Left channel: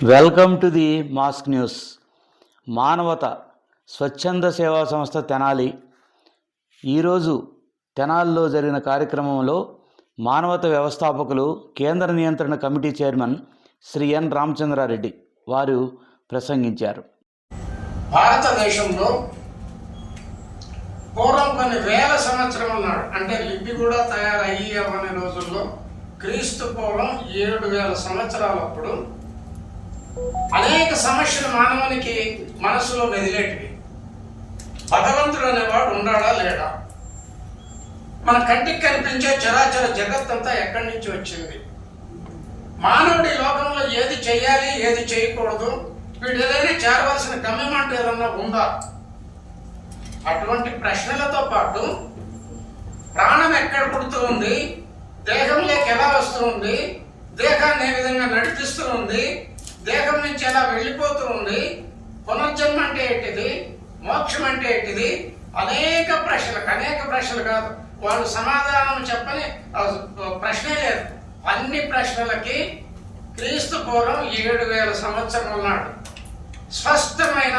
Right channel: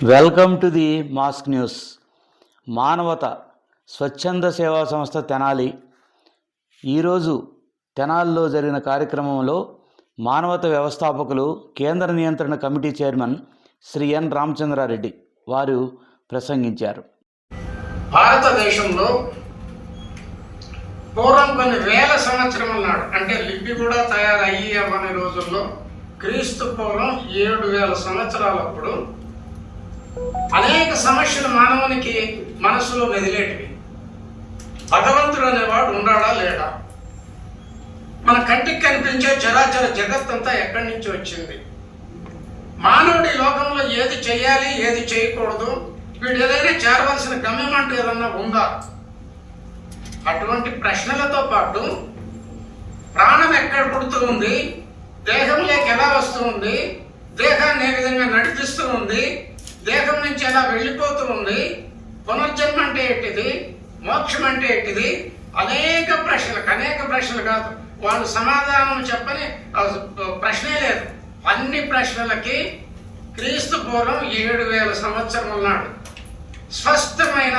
Welcome to the mask news. మానవత స్వచ్ఛంద సేవా సంస్థ తెనాలి ఈరోజు తెనాలిలో జరిగిన కార్యక్రమంలో మానవత వ్యవస్థాపకులు కేంద్ర నియంత్రణ కమిటీ చైర్మన్ శ్రీ ఎన్ రామచంద్రారెడ్డి వారు ప్రసంగించారు. భారతదేశంలో పూర్వం కొన్ని వేల సంవత్సరం నాడు, అంటే లిపి కూడా తయారయ్యి అవ్వని రోజుల్లో, క్రీస్తు పూర్వం 7,000 సంవత్సరాలప్పుడు అనేక సమస్యలు మానవునికి మనసులో మెదిలేటివి. భగవంతుడు అనేవాడు ఉన్నాడా లేడా? మన కంటికి కనిపించే చరాచర జగత్తంతా ఎక్కడి నుంచి వచ్చింది? మానవుడి లోకంలో ఏది చేయాలి, ఏది చేయకూడదు, వీడు ఏదైనా చేరవలసిన గమ్యం అంటే ఏదన్నా ఉందా? అటువంటి ప్రశ్నలతో పాటు ప్రాణం ఎక్కడ పుడుతూ ఉంది, దేహంలోకి ఎలా వస్తూ ఉంది, దేహాన్ని ఏ విధంగా నడిపిస్తూ ఉంది, దేహం నుంచి ఎలా వెళ్ళిపోతూ ఉంది, పునర్జన్మ అంటే ఏంటిది, మోక్షం అంటే ఏంటిది, అనేక ప్రశ్నలు కాదు, వాళ్ళు సమాధానం చెప్పని ప్రశ్నే లేదు. అన్ని ప్రశ్నలకి క్రీస్తు పూర్వం 7,000 సంవత్సరం నాడు స్పష్టమైన,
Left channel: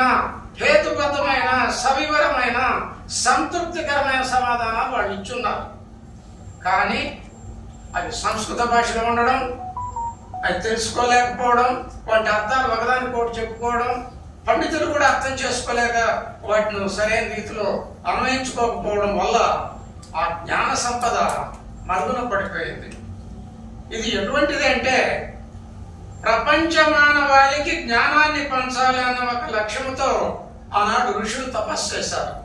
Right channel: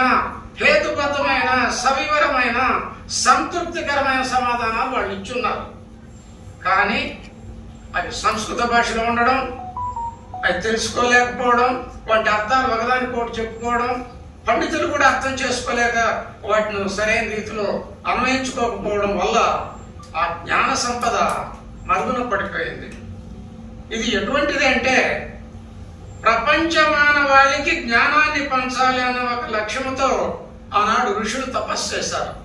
హేతుబద్ధమైన, సవివరమైన, సంతృప్తికరమైన సమాధానాలు వాళ్ళు ఇచ్చున్నారు. కానీ అది సంస్కృత భాషలో ఉండడం, అది తెలుసుకోలేకపోవడం, వాటి అర్థాలు ఒకదానికి ఒకటి చెప్పుకోవడం, పండితులు కూడా అర్థం చేసుకోలేక వాటిని సరైన రీతిలో అన్వయించుకోకపోవడం వల్ల ఆ జ్ఞాన సంపద మరుగున పడిపోయింది. ఇది ఎటువంటిది అంటే, ప్రపంచ మానవాళికి జ్ఞానాన్ని పంచాలి అన్న ఒక లక్ష్యంతో ఆనాడు ఋషులు తపస్సు చేశారు.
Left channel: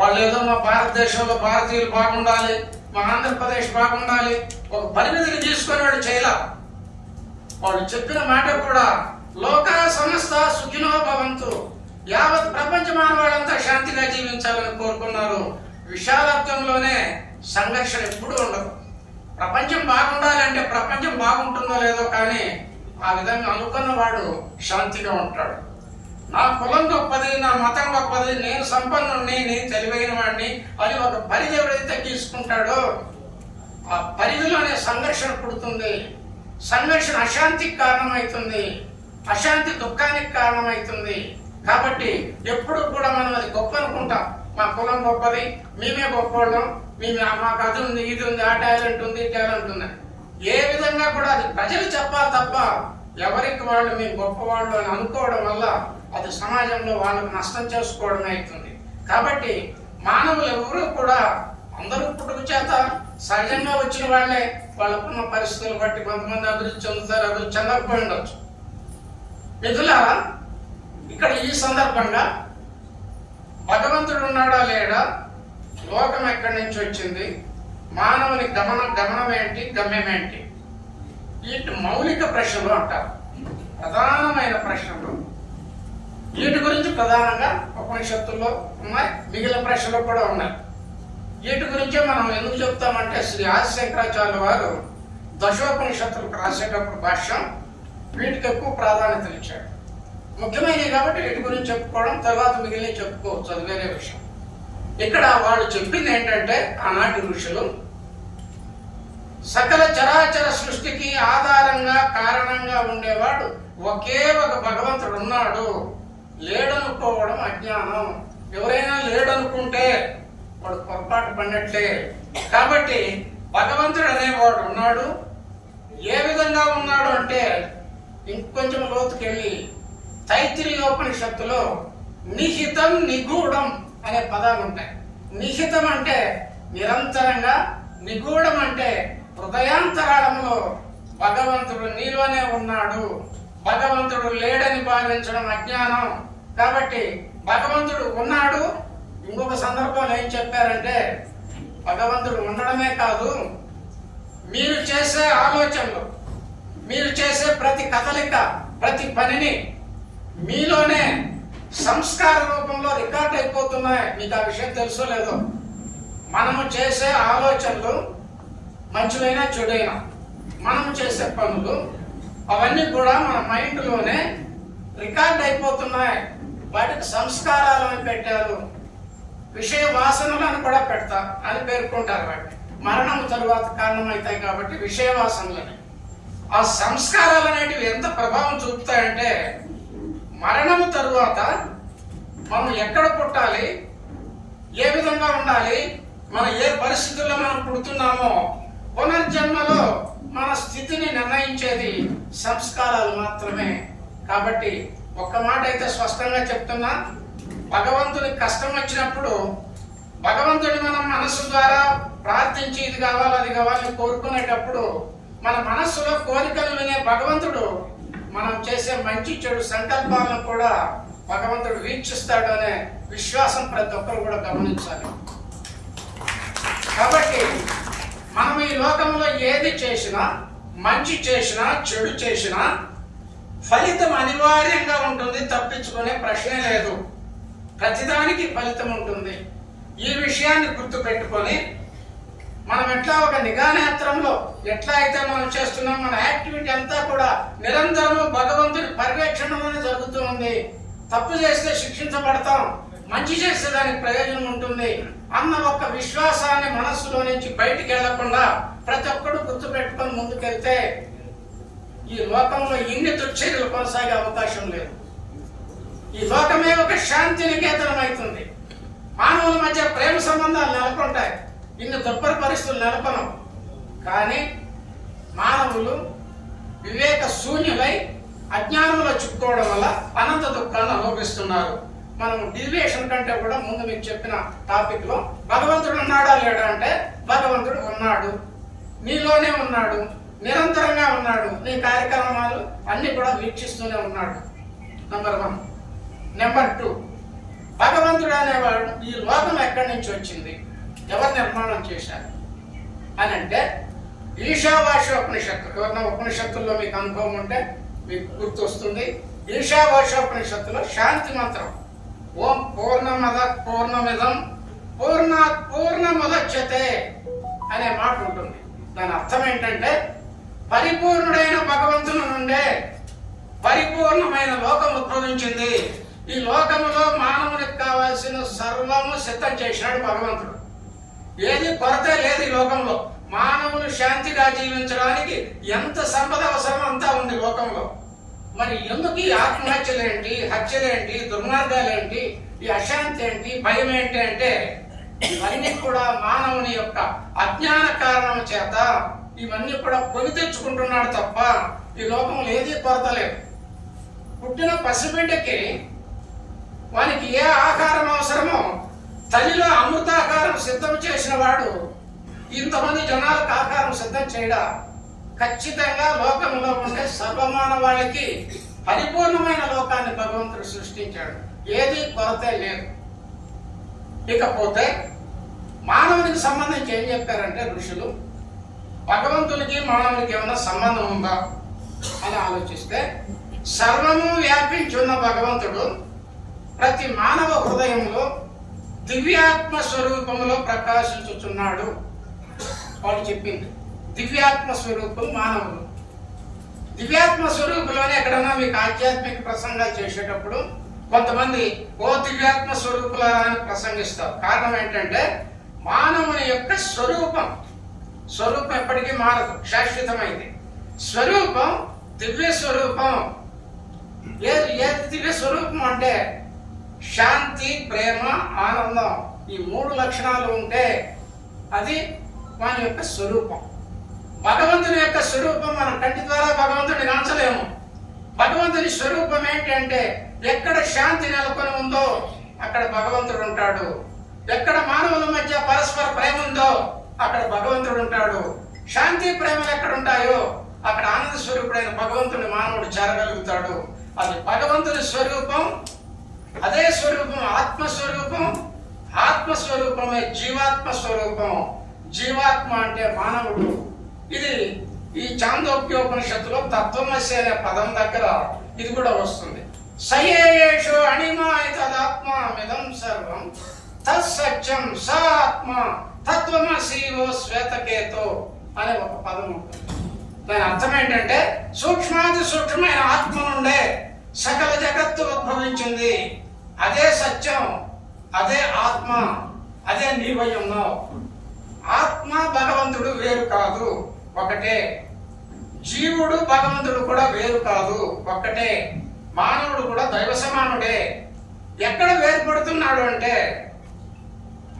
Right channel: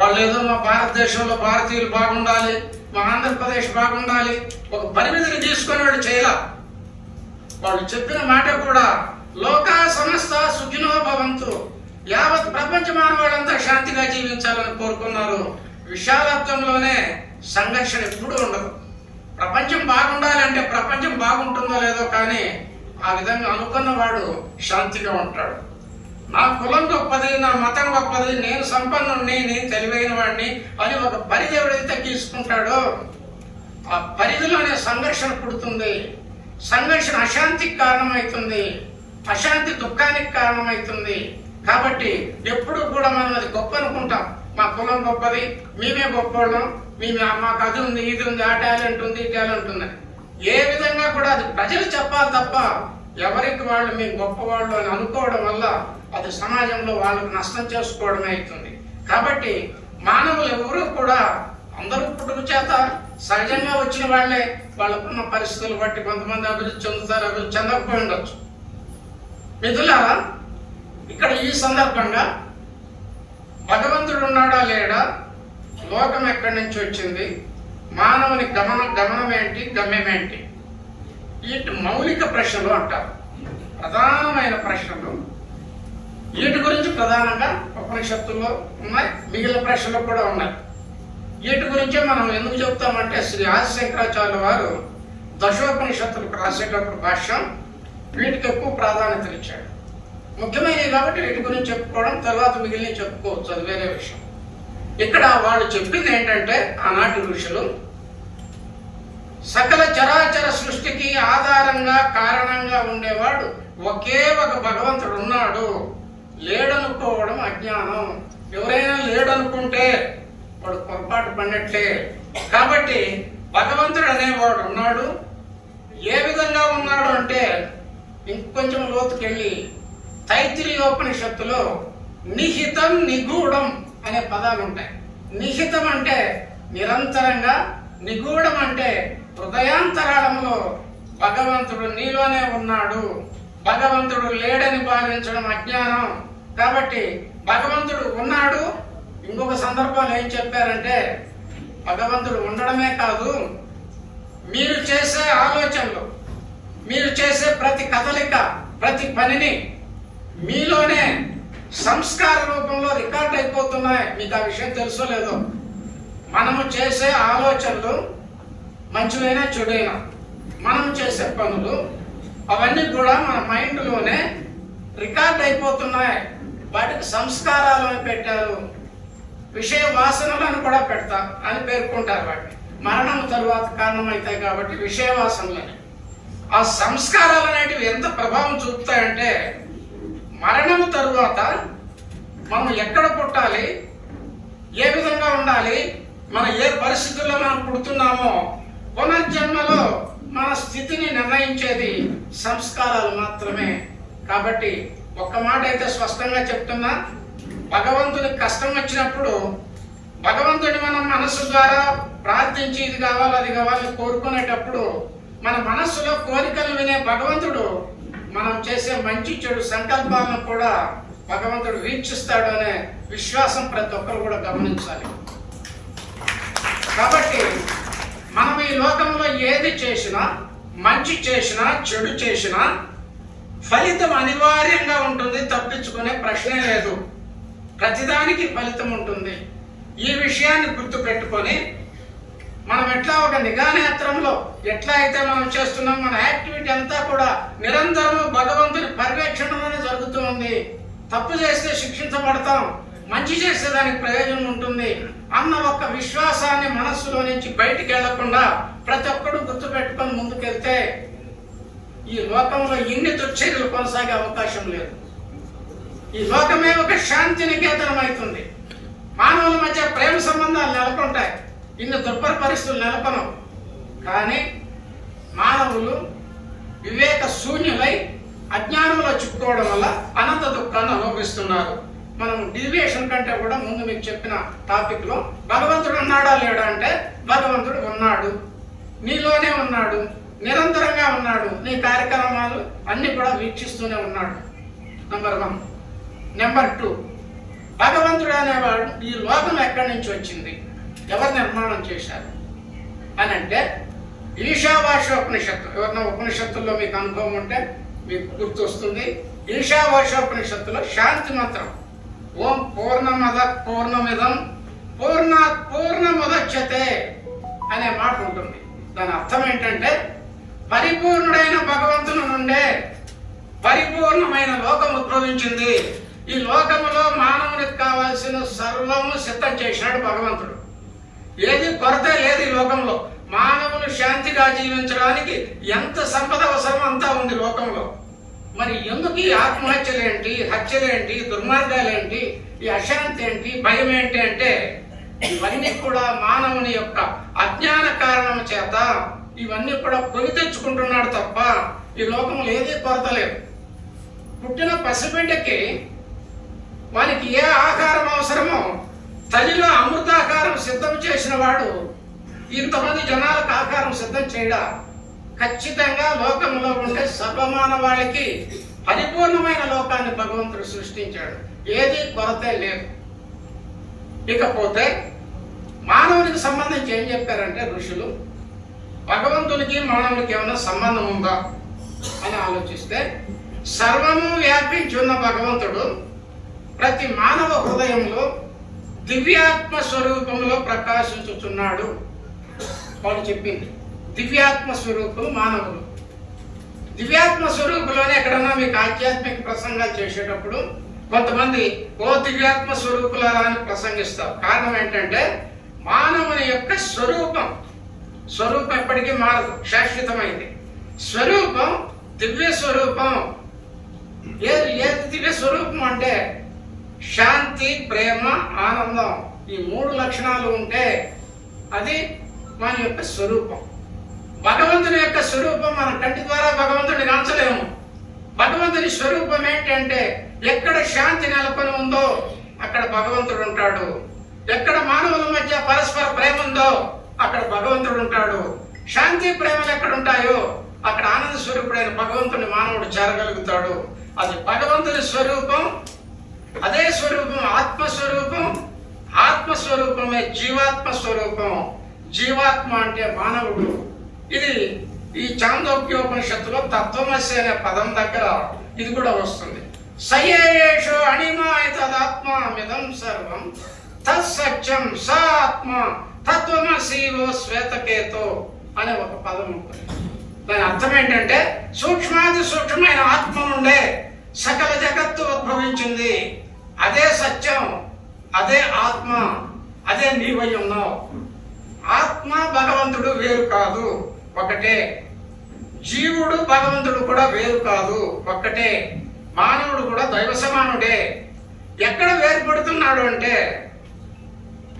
వాళ్ళు ఏదో మా భారతదేశంలో భారతీయులు బాగుండాలి, మా ఆంధ్రప్రదేశ్ బాగుండాలి, ఒక పరిమితిని తీసుకుని వాడు చేయాల. వాళ్ళు చెప్పిన మాట కూడా లోకా సమస్త సుఖినో భవంతు, యావత్ ప్రపంచ మానవులంతా శాంతిగా జీవించాలని కోరుకున్నారు. విశాలత్వంలోనే సంఘర్షణ ఎప్పుడూ ఉండదు. ప్రపంచం బాగుండాలి అంటే ప్రపంచం బాగుంటుందో లేదో, కానీ ఆ విధంగా అనుకున్నవాడు శాంతిగా ఉంటాడు. నా కులం గొప్పది, నా మతం గొప్పది, నేను సంపన్నుడిని, నేను తెలివైన వాడిని అని ఒక పరిధి ఎవడైతే తీసుకుంటాడో ఆ పరిధిలోనే సంఘర్షణ పుడుతుంది. సంఘర్షణ అశాంతికి కారణమవుతుంది, అశాంతి దుఃఖానికి కారణమవుతుంది. కాబట్టి ఎప్పుడు కూడా మనం అది గొప్ప అనుకుంటాం. మా కులం గొప్పది, మేమే గొప్పవాళ్ళం, మాకు అది ఉంది, ఇది ఉంది, ఆ టాలెంట్ ఉంది, ఈ టాలెంట్ ఉంది. ఏ విధంగా కూడా అది ప్రజలు చెప్పాలి తప్ప ఎవరికి వాళ్ళు మేము గొప్పవాళ్ళు అని అనుకోవడం వల్ల అది సమాజంలో వాళ్ళకు నష్టం చేసుకోవడమే అవుతుంది. కాబట్టి మానవులు ఎవరు కూడా అందరూ పుట్టుక చేత సహజంగా వచ్చిన వాళ్ళే, వాళ్ళకున్న పరిస్థితులు బట్టి కొంతమంది అభివృద్ధి చెందుతారు, అభివృద్ధి చెందకపోయి ఉండొచ్చు. మిథులారా, ఇక్కడ ఈ సందర్భంగా భగవంతుడు ఉన్నాడా లేడా, లోకం ఎక్కడి నుంచి వచ్చింది, మానవుని గమనం ఏంటి, గమ్యం ఏంటి, వీటి మౌలిక ప్రశ్నలు అంటారు. ప్రధానమైన ప్రశ్నలు. వీటి గురించి ప్రధానంగా ఉపనిషత్తుల్లో ఉన్నాయి, మిగిలిన ప్రశ్నలు కూడా ఉన్నాయి. వీటి గురించే మనం ఎందుకు చెప్తామంటే, శ్రీ ఆది శంకరాచార్యుల వారు దశోపనిషత్తులకు రాసేటప్పుడు భాష్యం వీటికి ఎక్కువ ప్రాధాన్యత ఇచ్చాడు. ముఖ్యమైనవి కాబట్టి వీటి గురించి చెప్పుకోవడం, తర్వాత మిగిలిన చెప్పుకోవచ్చు, అది వేరే విషయం. ఇక్కడ వాళ్ళు చెప్పింది ఏంటంటే, ఆనాటి ఋషులు సకల చరాచర సృష్టికి ఆధారంగా, కారణంగా ఉండేవాడు ఒకే ఒక భగవంతుడు ఉన్నాడు, లేడనుకోవడం అజ్ఞానం. ఎవరైనా లేడనుకుంటే వాడు పొరపాటు పడినట్లే. కాబట్టి భగవంతుడు అనేవాడు ఉన్నాడు. ఏ విధంగా ఉన్నాడు అంటే, ఇంకొంచెం లోతుకెళ్ళి తైత్తిరీయోపనిషత్తులో నిహితం, నిగూఢం అనే పదాలు ఉంటాయి. నిహితం అంటే నిరంతరంగా, నిగూఢం అంటే హృదయాంతరాళంలో భగవంతుడు నీలోనే ఉన్నాడు, భగవంతుడు లేడని భావించడం అజ్ఞానం. కాబట్టి భగవంతుడు ఉన్నాడు. ఇంకొక సందర్భంలో ఏం చెప్పారంటే, భగవంతుడు ఉండడమే కాదు, మీరు చేసే ఆలోచనలు, మీరు చేసే ప్రతి కదలిక, ప్రతి పనిని మీలోనే సంస్కార రూపంలో రికార్డ్ అయిపోతున్నాయి. మీకు ఆ విషయం తెలుసో లేదో. మనము చేసే ఆలోచనలు మంచివైనా చెడైనా, మనము చేసే పనులు అవన్నీ కూడా మన మైండ్లోనే రికార్డ్ అయిపోతున్నాయి. వాటికి సంస్కారాలను పెట్టారు, విషయ వాసనలను కూడా పెడతా అని పేర్కొంటారు. వాటిని మరణం తరువాత కారణమవుతాయి కాబట్టి విషయ వాసనలని. ఆ సంస్కారాలు అనేటివి ఎంత ప్రభావం చూపుతాయంటే మరణము తరువాత మనం ఎక్కడ పుట్టాలి, ఏ విధంగా ఉండాలి, మనం ఏ పరిస్థితుల్లో మనం పుడుతున్నామో పునర్జన్మలో మన స్థితిని నిర్ణయించేది సంస్కారాలు మాత్రమే. కాబట్టి ఒక్క మాట అయితే స్పష్టంగా చెప్తున్నా, భగవంతుని కష్టం వచ్చినప్పుడు భగవంతుడి మనం మనసు ద్వారా ప్రార్థించి ఇది కావాలి అది కావాలని కోరుకునేటప్పుడు మన మనస్సులో కోరికలు వినే భగవంతుడు మనం చేసే మంచి చెడు సంకల్పాలను కూడా భగవంతుడు వీక్షిస్తాడు అనే విశ్వాసం ప్రతి ఒక్కరు కూడా గమనించాలి. కాబట్టి మనం ఈ లోకంలో ఏది చేసినా, మంచి చేసినా చెడు చేసినా ఫలితం అనివార్యంగా ఉంటుంది, తప్పించుకునే ప్రశ్నే లేదు. ప్రతిదానికి ఫలితం ఉంటుంది. ఈ విషయాన్ని గుర్తు పెట్టుకొని మనం ఎట్లా ఒక నిఘానేత్రంలో ఎట్లా అయితే మనం చేస్తున్నాం, మన యాక్టివిటీ అంతా కూడా నిరంతరము భగవంతుని పర్యవేక్షణలోనే జరుగుతూ ఉంది. తప్పు చేస్తే శిక్షించబడతాం, మంచి చేస్తే దానికి ప్రయోజనం ఉంటుంది అన్న ఒక విశ్వాసాన్ని మనస్సులో నుంచి బయటికి వెళ్లకుండా ప్రతి ఒక్కరు గుర్తు పెట్టుకొని ముందుకెళ్తే ఈ లోకంలో ఇన్ని దుశ్చర్యలు కొనసాగే అవకాశం లేదు. ఈ లోకమే ఒక శాంతి నికేతనం అవుతుంది. మానవుల మధ్య ప్రేమ సంబంధాలు నెలకొంటాయి, ఇన్ని దుర్భర పరిస్థితులు నెలకొనం. కానీ మానవులు వివేక శూన్యులై అజ్ఞానంలో చిక్కుకోవడం వల్ల అనంత దుఃఖాన్ని అనుభవిస్తున్నారు. మనం డీవియేషన్ కంటే కూడా ముందు మీకు చెప్పిన టాపిక్ లో భగవంతుడు ఉన్నాడా లేడా అంటే భగవంతుడు ఉన్నాడు, నీలోనే ఉన్నాడు, నిరంతరంగా ఉన్నాడు, నీ కార్యక్రమాలు అన్ని కూడా వీక్షిస్తూనే ఉన్నాడు. నంబర్ 1. నెంబర్ 2, భగవంతుడు అనేవాడు ఈ లోకం ఎక్కడి నుంచి వచ్చింది, ఎవరు నిర్మాణం చేశారు అని అంటే ఈశావాస్యోపనిషత్తు. ఎవరైనా ఉపనిషత్తుల్లో మీకు అనుభవం ఉంటే మీకు గుర్తు వస్తుంది. ఈశావాస్యోపనిషత్తులో శాంతి మంత్రం ఓం పూర్ణమద పూర్ణమిదం పూర్ణాత్ పూర్ణముదచ్యతే అనే మాట ఉంటుంది. దాని అర్థం ఏంటంటే పరిపూర్ణుడైన భగవంతుని నుండే పరిపూర్ణమైన లోకం ఉద్భవించింది. ఈ లోకములో మానవునికి కావాల్సిన సర్వము సిద్ధం చేసినాడు భగవంతుడు. ఏది కొరత లేదు ఈ లోకంలో. మానవుని శాంతిగా జీవించడానికి ఎంత సంపద అవసరం అంతా ఉంది లోకంలో. మరి ఎందుకు ఈ ఆత్మహత్యలేంటి, హత్యలేంటి, దుర్మార్గాలేంటి, ఈ అశాంతి ఏంటి, భయం ఏంటి అంటే ఇవన్నీ కూడా మానవుని యొక్క అజ్ఞాన కారణం చేత ఇవన్నీ కూడా కొని తెచ్చుకుంటున్నాడు తప్ప ఈ లోకంలో ఏది కొరత లేదు. పుట్టిన పసిబిడ్డకి వానికి ఏ ఆహారం అవసరమో తల్లిలో అమృతాకారం సిద్ధం చేసిన వాడు ఇంతమంది జనాలకు ఆహారం సిద్ధం చేయడా? ఖచ్చితంగా లోకంలో ఉండే సర్వమానవాళికి పరిపూర్ణమైన లోకాన్ని భగవంతుడు సృష్టించాడు. ఏది కొరత లేదు. ఇకపోతే మానవునికి సంబంధించి ఏం చెప్పారంటే ఋషులు, భగవంతునికి మానవునికి ఏమైనా సంబంధం ఉందా అని ఆలోచిస్తే సర్వము వ్యాపించి ఉన్న భగవంతుడు ప్రతి మానవ హృదయంలో దివ్యాత్మ స్వరూపంలో ప్రకాశించుచున్నాడు. వాళ్ళు చెప్పింది దివ్యాత్మ స్వరూపం మానవులు. దివ్యాత్మ స్వరూపంలోనే ఎక్కడన్నా మీకు ఆధ్యాత్మిక ప్రసంగాలు చేసేటప్పుడు కొంతమంది ఓ దివ్యాత్మ స్వరూపులా అని ప్రసంగిస్తారు. కారణం ఏంటంటే మానవుని యొక్క స్వరూపం ఎప్పటికీ మారదు, శాశ్వతమైంది. స్వరూపం దివ్య స్వరూపం. ఏది దివ్య స్వరూపం అంటే శాంతి, ప్రేమ, ఆనందం, ఈ 3 లక్షణాలు ఉంటే అది మన యొక్క స్వరూపం. భగవంతుని యొక్క స్వరూపం మన కంటి ద్వారా భగవంతుడిని కాంచలేము. భగవంతుని స్వరూపం ఏంటంటే ఎక్కడ శాంతి నెలకొని ఉందో అక్కడ భగవంతుడు ఉంటాడు. ఎక్కడ మానవుల మధ్య పరస్పర ప్రేమ ఉందో అక్కడ భగవంతుడు ఉంటాడు. శాంతి ప్రేమలు ఎక్కడ ఉంటాయో అక్కడ ఆనంద స్వరూపుడైన భగవంతుని మానవుడు చేరగలుగుతాడు. అది భగవంతుని స్వరూపం. అదే స్వరూపం ఆత్మస్వరూపం. ఆత్మస్వరూపమే జీవాత్మ స్వరూపం. జీవాత్మ అంటే మానవుడు. ఇది ఈ చాందోగ్యోపనిషత్తులో తత్వమసి అనే పదం దగ్గర ఇది కూడా వస్తుంది. సయేషు అణిమాయతదాత్మామిదం సర్వం తత్సత్యం స ఆత్మ తత్వమసి ఓ శ్వేతకేతో అనే ఒక పదం ఉంటుంది. దాని అర్థం ఏంటంటే సూక్ష్మాది సూక్ష్మమైన ఆత్మ నుండే సకల జగత్తు ఉద్భవించింది. అదే సత్యం, అదే ఆత్మ, అదే నీవై ఉన్నావు. ఆత్మ భగవంతుడు వేరు కాదు, ఒకటే. జీవుడు భగవంతుడు కూడా వేరు కాదు, ఒక్కటే. మానవుడు కూడా దైవ సమానుడే. ఎక్కడ వేరుపడుతున్నాడు అంటే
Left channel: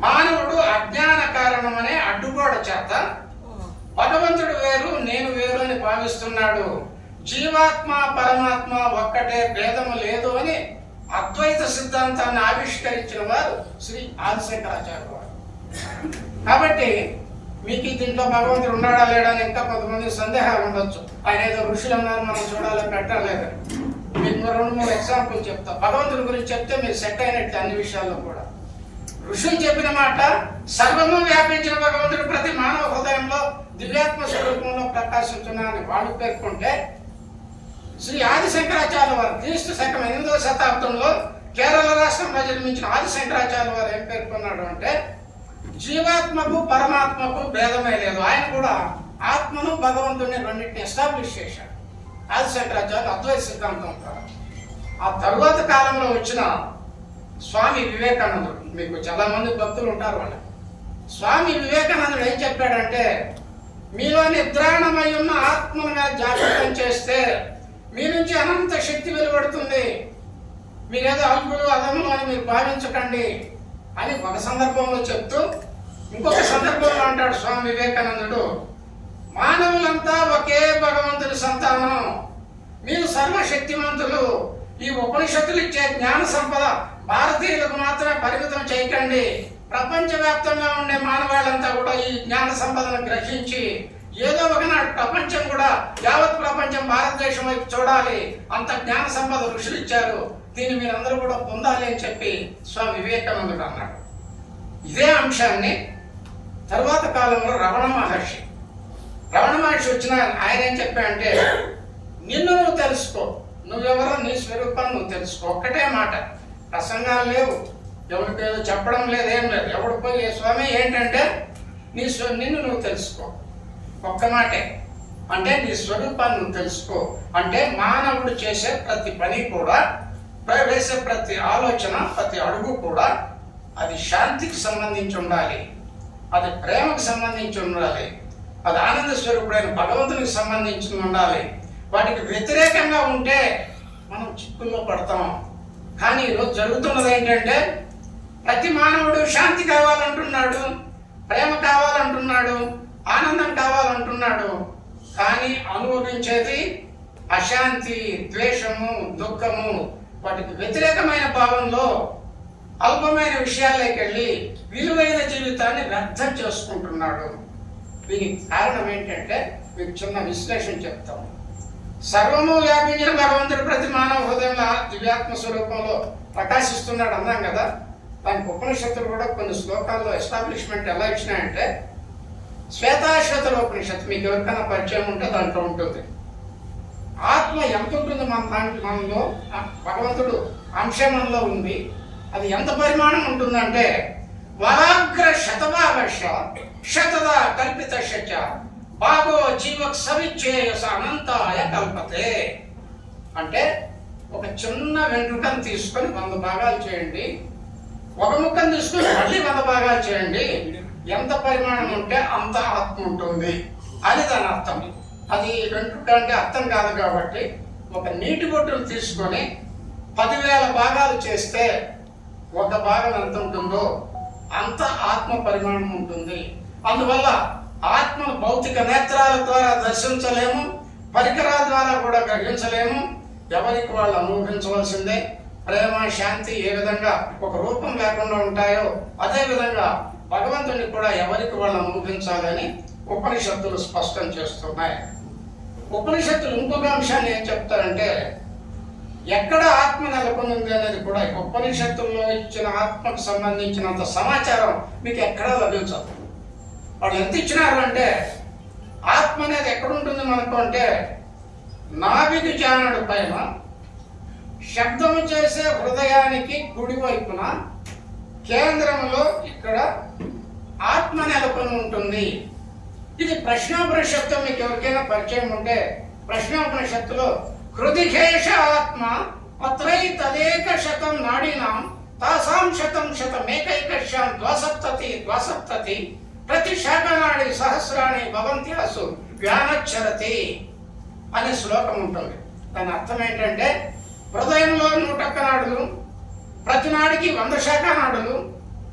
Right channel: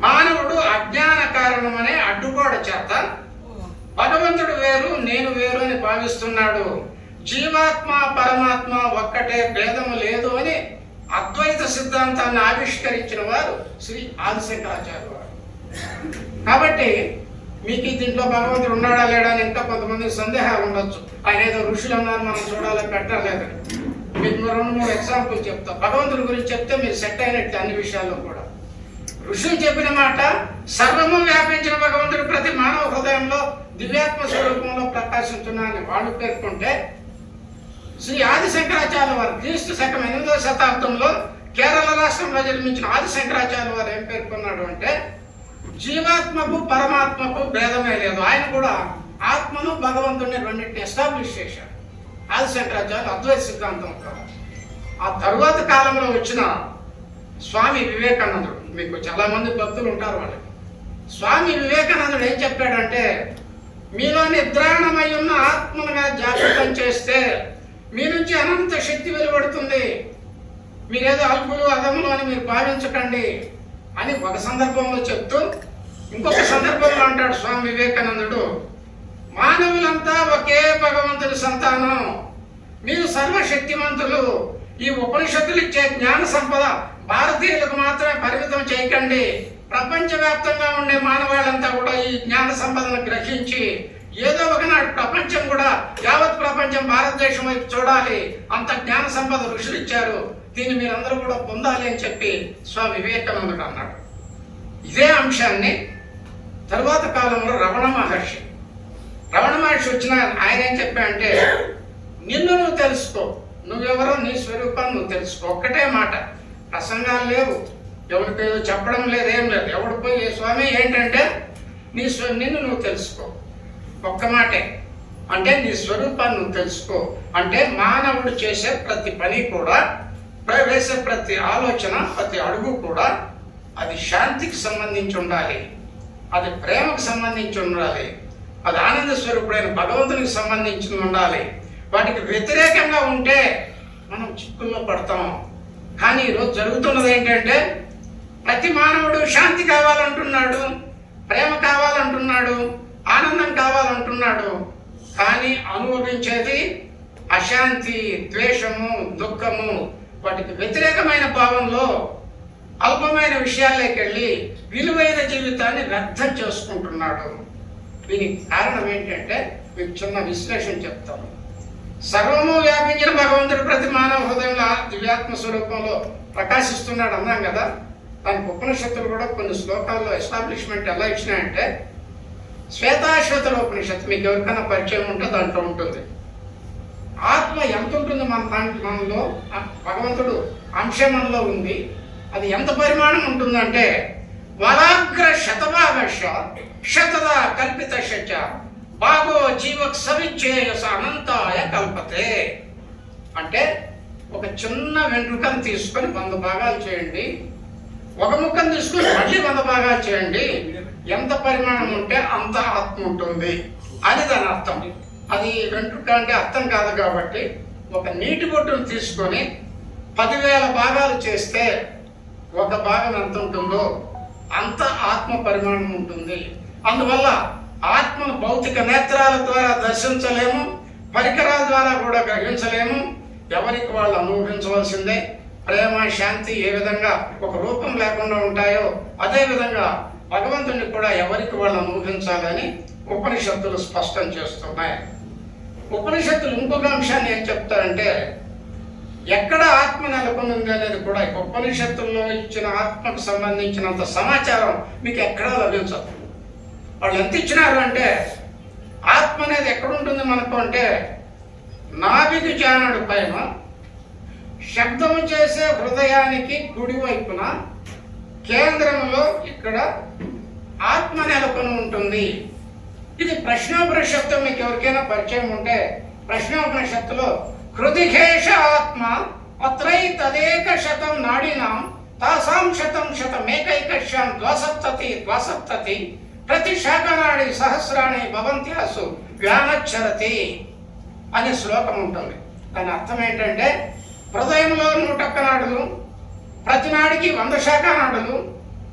మానవుడు అజ్ఞాన కారణమనే అడ్డుగోడ చేత భగవంతుడు వేరు నేను వేరు అని భావిస్తున్నాడు. జీవాత్మ పరమాత్మ ఒక్కటే, భేదము లేదు అని అద్వైత సిద్ధాంతాన్ని ఆవిష్కరించిన వారు శ్రీ ఆదిశంకరాచార్య వారు. కాబట్టి మీకు దీంట్లో భగవంతుడు ఉన్నాడా లేడా అని ఇంకా కొంతమంది సందేహాలు ఉండొచ్చు. ఆయన ఏదో ఋషులు ఉన్నారు, మనం చూడాలి పెట్టలేదు. మీకు 2-3 ఎగ్జాంపుల్ చెప్తా. భగవంతుడి గురించి చెప్తే మీరు సెట్ అయినట్టు అన్ని విషయాల్లో కూడా. ఋషులు చెప్పిన మాట, సర్వము వ్యాపించిన భగవంతుడు ప్రతి మానవ హృదయంలో దివ్యాత్మ స్వరూపంలో ప్రకాశిస్తున్నారని వాళ్ళు పేర్కొంటే, శ్రీ ఆదిశంకరాచార్య వారు క్రీస్తు శకం 8వ శతాబ్దంలో కేరళ రాష్ట్రంలో జన్మించిన ఆదిశంకరాచార్య వారు ఏం పేర్కొన్నాడు అంటే జీవాత్మకు పరమాత్మకు భేదమే లేదు. ఆయన కూడా ఆత్మను భగవంతుడిని రెండింటిని ఎస్టాబ్లిష్ చేశాడు ఆదిశంకరాచార్య అద్వైత సిద్ధాంతం. ఆ తరువాత కాలంలో వచ్చిన స్వామి వివేకానందుడు, మీకు చాలా మంది భక్తులు ఉంటారు వాళ్ళకి. స్వామి వివేకానందుడు ఏం చెప్పాడంటే, మీలో నిద్రాణమై ఉన్న ఆత్మగా జాగృతం చేస్తే మీ నుంచి అనంత శక్తి వెలువడుతుంది, మీరేదో అల్పులు అదములు అని మీరు భావించకండి అని ఒక సందర్భంలో చెప్తూ, ఇంకొక సందర్భంలో అంటాడు స్వామి వివేకానందుడు, మానవులంతా ఒకే భగవంతుడి సంతానం, మీరు సర్వశక్తిమంతులు. ఈ ఉపనిషత్తులు ఇచ్చే జ్ఞాన సంపద భారతీయులకు మాత్రమే పరిమితం చేయకండి. ప్రపంచవ్యాప్తంగా ఉండే మానవాళ్ళంతా కూడా ఈ జ్ఞాన సంపదను గ్రహించి ఏదో ఒకనాడు ప్రపంచం కూడా, యావత్ ప్రపంచం భారతదేశం వైపు చూడాలి. అంత జ్ఞాన సంపద ఋషులు ఇచ్చారు, దీన్ని మీరందరూ కూడా పొందాలి అని చెప్పి స్వామి వివేకానందుడు అన్నాడు. ఇదే అంశాన్ని తరువాత కాలంలో రమణ మహర్షి వచ్చిన ఆయన ఏం చెప్పాడంటే, నిన్ను నువ్వు తెలుసుకో, నువ్వెవరో నీ స్వరూపాన్ని నువ్వు తెలుసుకో. ఒక్కటే మాట, ప్రసంగాలు లేవు, ఎవరికి చెప్పడం లేదు, ఏం లేదు. ఎవడు పోయి స్వామి ఏంటంటే నిన్ను నువ్వు తెలుసుకో, ఒక్క మాటే. అంటే నీ స్వరూపాన్ని నువ్వు తెలుసుకో అంటే మానవుడు చేసే ప్రతి పని కూడా, వేసే ప్రతి ఆలోచన, ప్రతి అడుగు కూడా అది శాంతికి సంబంధించి ఉండాలి, అది ప్రేమకు సంబంధించి ఉండాలి, అది ఆనంద స్వరూపుడైన భగవంతునికి సంబంధించి ఉండాలి. వాటికి వ్యతిరేకంగా ఉంటే మనం చిక్కుల్లో పడతాం. కానీ ఈరోజు జరుగుతున్నది ఏంటంటే, ప్రతి మానవుడు శాంతి కావాలంటున్నాడు, ప్రేమ కావాలంటున్నాడు, ఆనందం కావాలంటున్నాడు. కానీ అనుభవించేది అశాంతి, ద్వేషము, దుఃఖము, వాటికి వ్యతిరేకమైన భావంలో అల్పమైన విషయాల్లోకి వెళ్ళి విలువైన జీవితాన్ని వ్యర్థం చేసుకుంటున్నాడు. దీనికి కారణం ఏంటంటే మీకు చిన్న విశ్లేషణ చెప్తాం. సర్వము వ్యాపించిన భగవంతుడు ప్రతి మానవ హృదయంలో దివ్యాత్మ స్వరూపంలో ప్రకాశిస్తున్నాడు అన్నాం కదా. దానికి ఉపనిషత్తులు కూడా కొన్ని శ్లోకాల్లో ఎస్టాబ్లిష్మెంట్ ఎలా ఇచ్చినాయంటే, శ్వేతాశ్వతుల ఉపనిషత్తు మీకు ఎవరికైనా పరిచయం ఉంటే దాంట్లో ఉంటుంది. ఆత్మ ఎంత ఉంటుంది మనలో, భగవంతుడు అంశం మనలో ఉంది, అది ఎంత పరిమాణం ఉంటుందంటే వరాగ్ర శతభాగశ శతద కల్పిత శచ భాగో జీవక్ సవిచ్ఛేయస అనంతాయ కల్పతే. అంటే ఒక చిన్న వెంట్రుకను తీసుకొని 100 భాగాలు చేయండి, ఒక ముక్కను తీసుకొని మళ్ళీ 100 భాగాలు చేయండి, ఎంత పరిమాణం ఉంటే అంత ఆత్మ ఉంటుంది అని దాని అర్థం. అది వెంట్రుక అంటే అర్థం కాదు కాబట్టి ఒక నీటి బొట్టును తీసుకొని 10,000 భాగాలు చేస్తే ఒక భాగం ఎంత ఉంటుందో అంత ఆత్మ పరిమాణం ఉంటుంది. అందువల్ల ఆత్మను భౌతిక నేత్రాల ద్వారా దర్శించలేము, పరికరాల ద్వారా కూడా గ్రహించలేము. ఎవరికి వాళ్ళు అనుభవించవలసిందే. ప్రేమ, శాంతి ఏ విధంగా ఒక రూపం లేకుండా ఉంటాయో అదే విధంగా భగవంతుని కూడా ఎవరికి వాళ్ళు అనుభవించాలని ఉపనిషత్తులు స్పష్టం చేస్తున్నాయి. ఉపనిషత్తులు ఇంకొక అంశాన్ని ఏం చెప్తారంటే, ఎక్కడ ఆత్మ నెలకొని ఉంది అనేది కూడా ఉపనిషత్తుల్లో ఇచ్చిన ఆత్మకు సంబంధించినంత సమాచారం మీకు ఎక్కడా లభించదు. వాళ్ళు ఎంత ఇచ్చినారు అంటే, ఆత్మ అనేది ఎక్కడ ఉంటుంది మనకు అంటే నాభికి జానుడి పైన శబ్దము చేసే హృదయానికి కుడి వైపున కేంద్రంలో ఇక్కడ ఆత్మ నెలకొని ఉంటుంది. ఇది ప్రశ్నోపనిషత్తు మీకు ఎవరికైనా పరిచయం ఉంటే ప్రశ్నోపనిషత్తులో హృదిఘేష ఆత్మ అత్రై తదేక శతం నాడినాం తాసాం శతం శతమేకైకశ్యాం ద్వాసప్తతి ప్రతి శాఖనాడి సహస్రాణి భవంత్యాసు వ్యానచ్చరతి అనే శ్లోకం ఉంటుంది. దాని అర్థం ఏంటంటే హృదయంలో 101 నాడులు, ప్రతి నాడికి 100 శాఖానాడులు,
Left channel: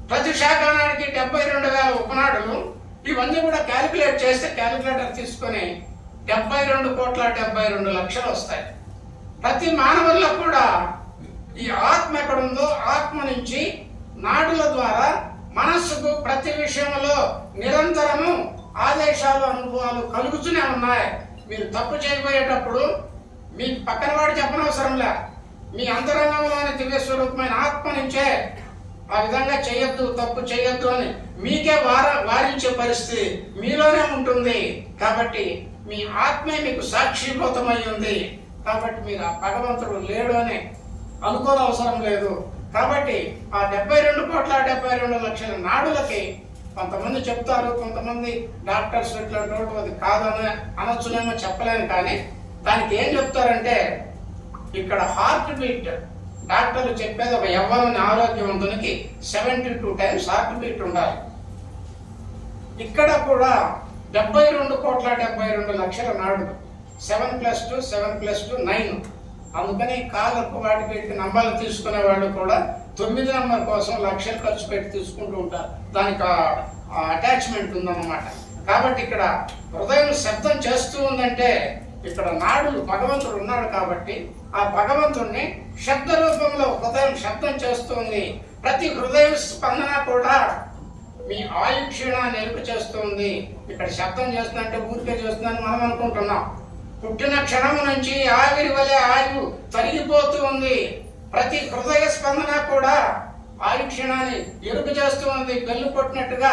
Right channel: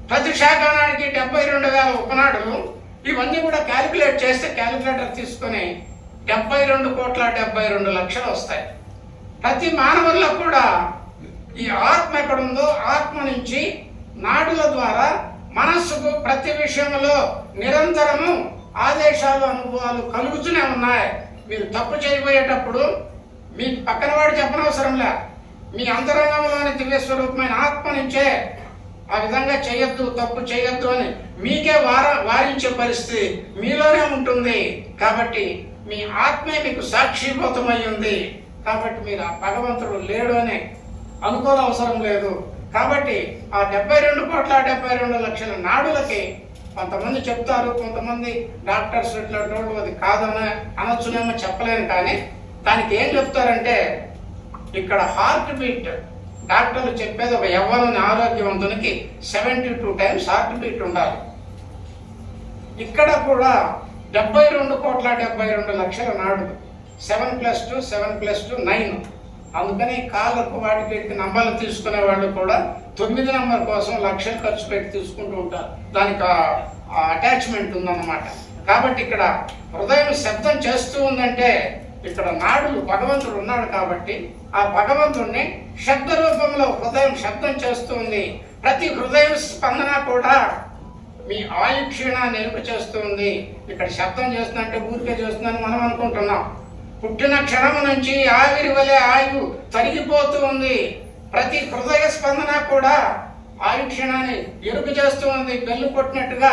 ప్రతి శాఖానాడికి 72,000 ఉపనాడులు. ఇవన్నీ కూడా క్యాలిక్యులేట్ చేస్తే క్యాలిక్యులేటర్ తీసుకొని 72,72,00,000 వస్తాయి. ప్రతి మానవుల్లో కూడా ఈ ఆత్మ ఎక్కడుందో ఆత్మ నుంచి నాడుల ద్వారా మనస్సుకు ప్రతి విషయంలో నిరంతరము ఆదేశాలు, అనుభవాలు కలుగుతూనే ఉన్నాయి. మీరు తప్పు చేయబోయేటప్పుడు మీకు పక్కన వాడు చెప్పనవసరంలే, మీ అంతరంగంలోని దివ్య స్వరూపమైన ఆత్మ నుంచే ఆ విధంగా చేయొద్దు, తప్పు చేయొద్దు అని మీకే వారించే పరిస్థితి మీలోనే ఉంటుంది. కాబట్టి మీ ఆత్మే మీకు సాక్షిభూతమై ఉంది. కాబట్టి మీరు ఆ భగవంతుడు లేడు అని అనుకోనవసరం లేదు. కాబట్టి ఆ 72,72,00,000 నాడులకి కొంతమంది చెప్తారు, కొంతమంది డాక్టర్స్ ఇట్లా అది కాదని అనొచ్చునేమో, చెప్పలేను. కానీ దానికి ఏం చెప్తారంటే ఇక్కడ హార్ట్ బీట్ డాక్టర్లు చెప్పేది ఒక యవ్వన ఆరోగ్యవంతునికి 72 టైమ్స్ హార్ట్ బీట్ ఉండాలి. ఇక్కడ కూడా 72,72,00,000 నాడులు, 7+2 7+2 9. అందుకని కాళ్ళకు వాటికి నంబర్లు తీసుకునే వాళ్ళు కూడా 9 నంబర్ కోసం లక్షలు ఖర్చు పెట్టి తీసుకుంటూ ఉంటారు. దానికి అటాచ్మెంట్ ఉందన్నమాట. కాబట్టి ఇక్కడ హృదయం శబ్దం చేస్తూ ఉందంటే ఇక్కడ నాడులు భగవంతుడు ఉన్నాడు. కాబట్టి ఆ భగవంతుడిని శబ్ద రూపంలో హృదయం శబ్దం చేస్తుంది. ప్రతి హృదయం స్పందన కూడా మీ ఆయు క్షీణాన్ని ఎరుపు చేస్తుంది. ఇక్కడ శబ్దం చేస్తుందంటే ఊరికే చేస్తుందని మనం అనుకుంటున్నాం. పుట్టిన క్షణం నుంచి ఆవిరి వలె ఆయువు తరిగిపోతూ ఉంది. ప్రతి హృదయ స్పందన కూడా ఆయు క్షీణాన్ని ఎరుపు చేస్తూ ఉంది. బెల్లు కొట్టినట్టుగా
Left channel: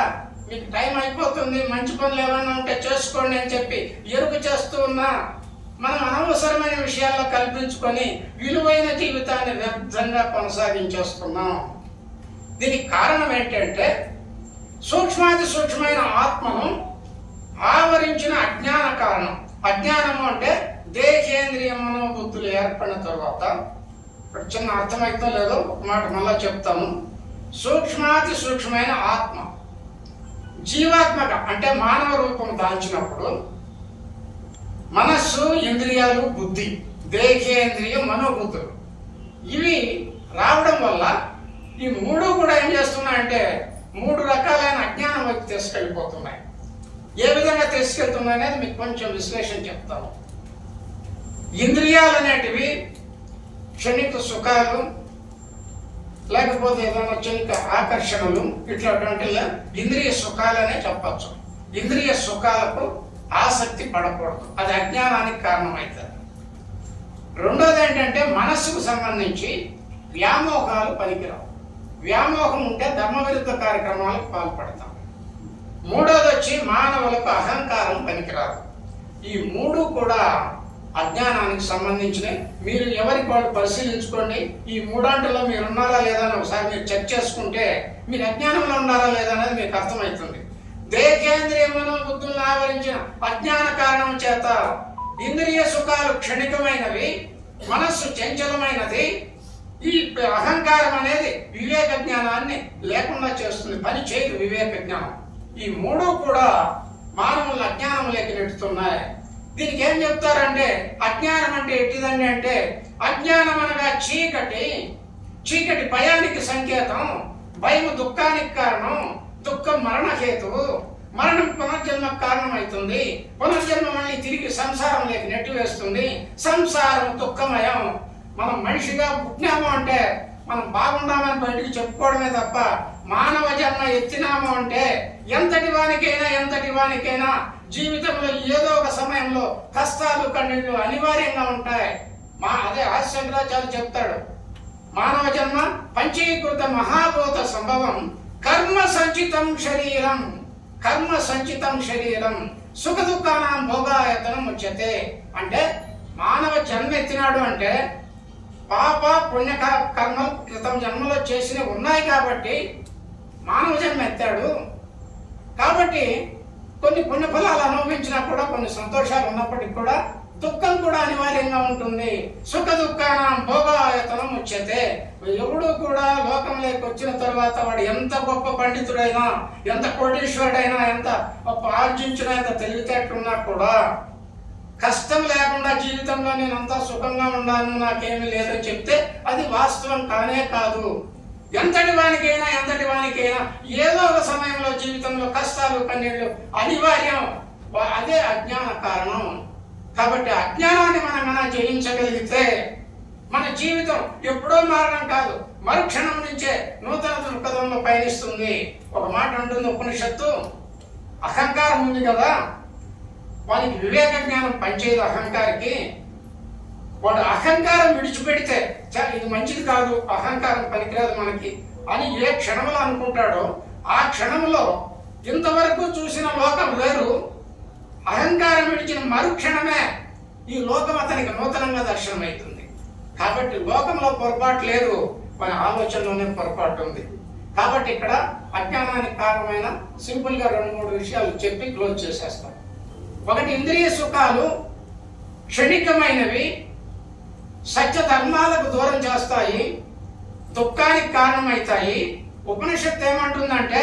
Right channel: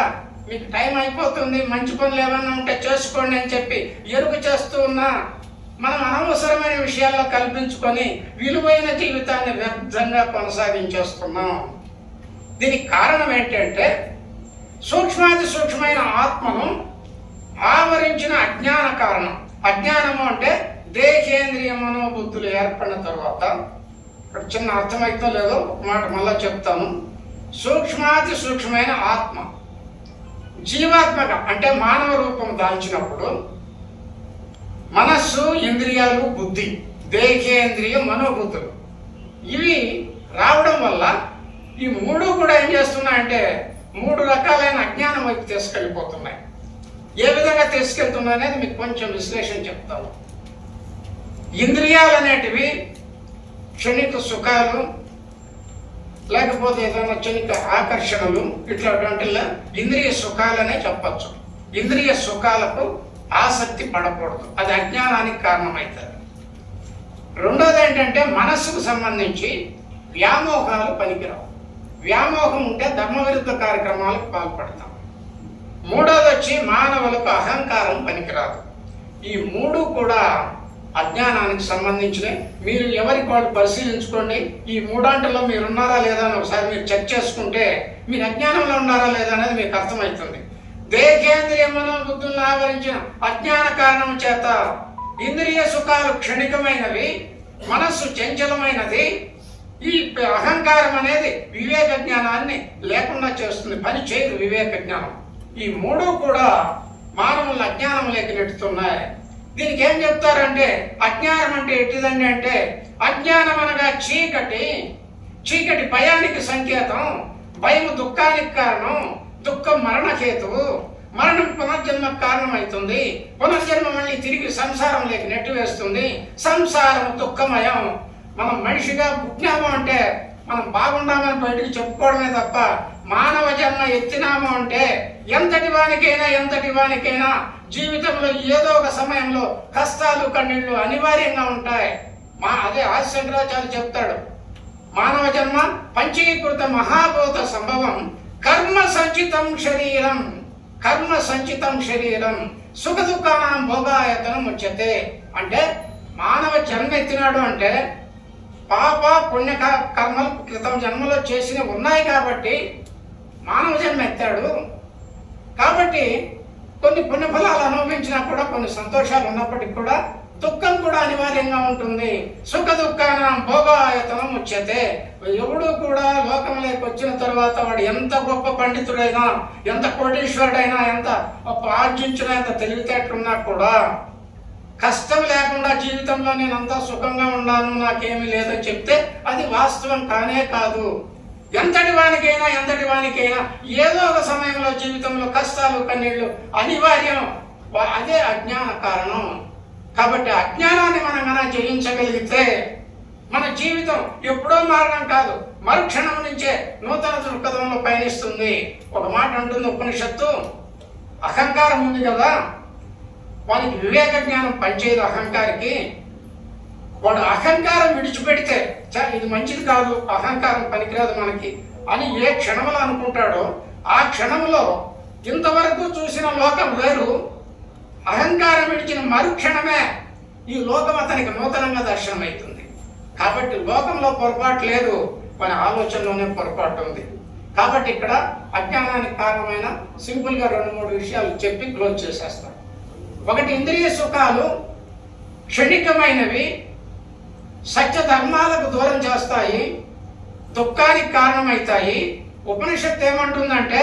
మీకు టైం అయిపోతుంది, మంచి పనులు ఏమైనా ఉంటే చేసుకోండి అని చెప్పి ఎరుపు చేస్తూ ఉన్నా మనం అనవసరమైన విషయాల్లో కల్పించుకొని విలువైన జీవితాన్ని వ్యర్థంగా కొనసాగించేస్తున్నాం. దీనికి కారణం ఏంటంటే సూక్ష్మాతి సూక్ష్మమైన ఆత్మను ఆవరించిన అజ్ఞాన కారణం. అజ్ఞానము అంటే దేశేంద్రియ మనోబుద్ధులు ఏర్పడిన తర్వాత, ఇక్కడ చిన్న అర్థమైతే లేదో ఒక మాట మళ్ళా చెప్తాను. సూక్ష్మాతి సూక్ష్మమైన ఆత్మ జీవాత్మక అంటే మానవ రూపం దాల్చినప్పుడు మనస్సు, ఇంద్రియాలు, బుద్ధి, దేహేంద్రియ మనోబుద్ధులు ఇవి రావడం వల్ల ఈ మూడు కూడా ఏం చేస్తున్నాయంటే 3 రకాలైన అజ్ఞానం వైపు తీసుకెళ్ళిపోతున్నాయి. ఏ విధంగా తీసుకెళ్తున్నాయి అనేది మీకు కొంచెం విశ్లేషణ చెప్తాను. ఇంద్రియాలు అనేటివి క్షణిక సుఖాలు, లేకపోతే ఏదైనా క్షణిక ఆకర్షణలు, ఇట్లాంటి ఇంద్రియ సుఖాలనే చెప్పచ్చు. ఇంద్రియ సుఖాలకు ఆసక్తి పడకూడదు, అది అజ్ఞానానికి కారణమవుతుంది. రెండోది ఏంటంటే మనస్సుకు సంబంధించి వ్యామోహాలు పనికిరావు. వ్యామోహం ఉంటే ధర్మవిరుద్ధ కార్యక్రమాలకు పాల్పడతాం. మూడోది వచ్చి మానవులకు అహంకారం పనికిరాదు. ఈ 3 కూడా అజ్ఞానానికి సంబంధించినవి. మీరు ఎవరికి వాళ్ళు పరిశీలించుకోండి. ఈ 3 మీరు ఉన్నారా లేదా అని ఒకసారి మీరు చెక్ చేసుకుంటే మీరు అజ్ఞానంలో ఉన్నారా లేదా అనేది మీకు అర్థమవుతుంది. దేహేంద్రియ మనోబుద్ధులను ఆవరించిన అజ్ఞాన కారణం చేత ఇంద్రియ సుఖాలు క్షణికమైనవి, మనస్సు చంచలమైనది. ఈ అహంకారం అనేది వివేక జ్ఞానాన్ని లేకుండా చేస్తుంది, పని చేయదు వివేక జ్ఞానం. ఈ 3 కూడా మానవులను అజ్ఞానంలోకి నెట్టుతున్నాయి. దీనికి ఏం చెప్తారంటే అజ్ఞానం అంటే ఎట్టిదండి అంటే అజ్ఞానం అనగా చీకటి, చీకటి భయానికి సంకేతం, భయము దుఃఖానికి కారణం, దుఃఖం మరణహేతువు, మరణం పునర్జన్మకు కారణం అవుతుంది, పునర్జన్మ మళ్ళీ తిరిగి సంసారంలోకి నెట్టివేస్తుంది, సంసారం దుఃఖమయం. మనం మనిషిగా పుట్టినాము అంటే మనం బాగున్నామని బయటికి చెప్పుకోవడమే తప్ప మానవ జన్మ ఎత్తినాము అంటే ఎంతటి వానికైనా జీవితంలో ఏదో ఒక సమయంలో కష్టాలు కన్నీళ్లు అనివార్యంగా ఉంటాయి. అదే ఆదిశంకరాచార్య చెప్తాడు, మానవ జన్మ పంచీకృత మహాభూత సంభవం, కర్మ సంచితం శరీరం సుఖ దుఃఖానం భోగాయతనం ఉచ్యతే. అంటే మానవ జన్మ ఎత్తినాడు అంటే పాప పుణ్య కర్మలు క్రితం జన్మలో చేసినవి ఉన్నాయి కాబట్టి మానవ జన్మ ఎత్తాడు. కాబట్టి కొన్ని పుణ్యఫలాలు అనుభవించినా కూడా కొన్ని సంతోషాలు ఉన్నప్పటికీ కూడా దుఃఖం కూడా అనివార్యంగా ఉంటుంది. సుఖ దుఃఖానం భోగాయతనం ఉచ్యతే. ఎవడు కూడా లోకంలోకి వచ్చిన తర్వాత వాడు ఎంత గొప్ప పండితుడైనా, ఎంత కోటీశ్వరుడైనా, ఎంత ఆర్జించినా, ఎంత తెలివితేటలున్నా కూడా కష్టం లేకుండా జీవితంలో నేను అంతా సుఖంగా ఉన్నాను, నాకేమీ లేదని చెప్తే అది వాస్తవం కానే కాదు. ఎంతటి వానికైనా ఏదో ఒక సమయంలో జీవితంలో కష్టాలు కన్నీళ్లు అనివార్యం. అదే అజ్ఞాన కారణం. కాబట్టి అజ్ఞానాన్ని మనం జయించగలిగితే మన జీవితం ఎప్పుడో మారడం కాదు, మరుక్షణం నుంచే నూతన దృక్పథంలో పయనిస్తుంది. ఒక మాట అంటుంది ఉపనిషత్తు, అహంకారం ఉంది కదా, వానికి వివేక జ్ఞానం పనిచేయదు. అహంకారికి వాడు అహంకారం విడిచిపెడితే ఇది మంచిది కాదు, అహంకారం పనికిరాదు మనకి అని ఏ క్షణంలో అనుకుంటాడో ఆ క్షణంలో ఇంతవరకు చూసిన లోకం వేరు, అహంకారం విడిచిన మరుక్షణమే ఈ లోకం అతనికి నూతనంగా దర్శనమవుతుంది. కాబట్టి లోకంలో పొరపాటు లేదు, మన ఆలోచనలోనే పొరపాటు ఉంది. కాబట్టి ఇక్కడ అజ్ఞానానికి కారణమైన సింపుల్ గా 2-3 విషయాలు చెప్పి క్లోజ్ చేసేస్తాం. ఒకటి, ఇంద్రియ సుఖాలు క్షణికమైనవి, సత్య ధర్మాలకు దూరం చేస్తాయి, దుఃఖానికి కారణమవుతాయి. ఉపనిషత్తు ఏమంటుందంటే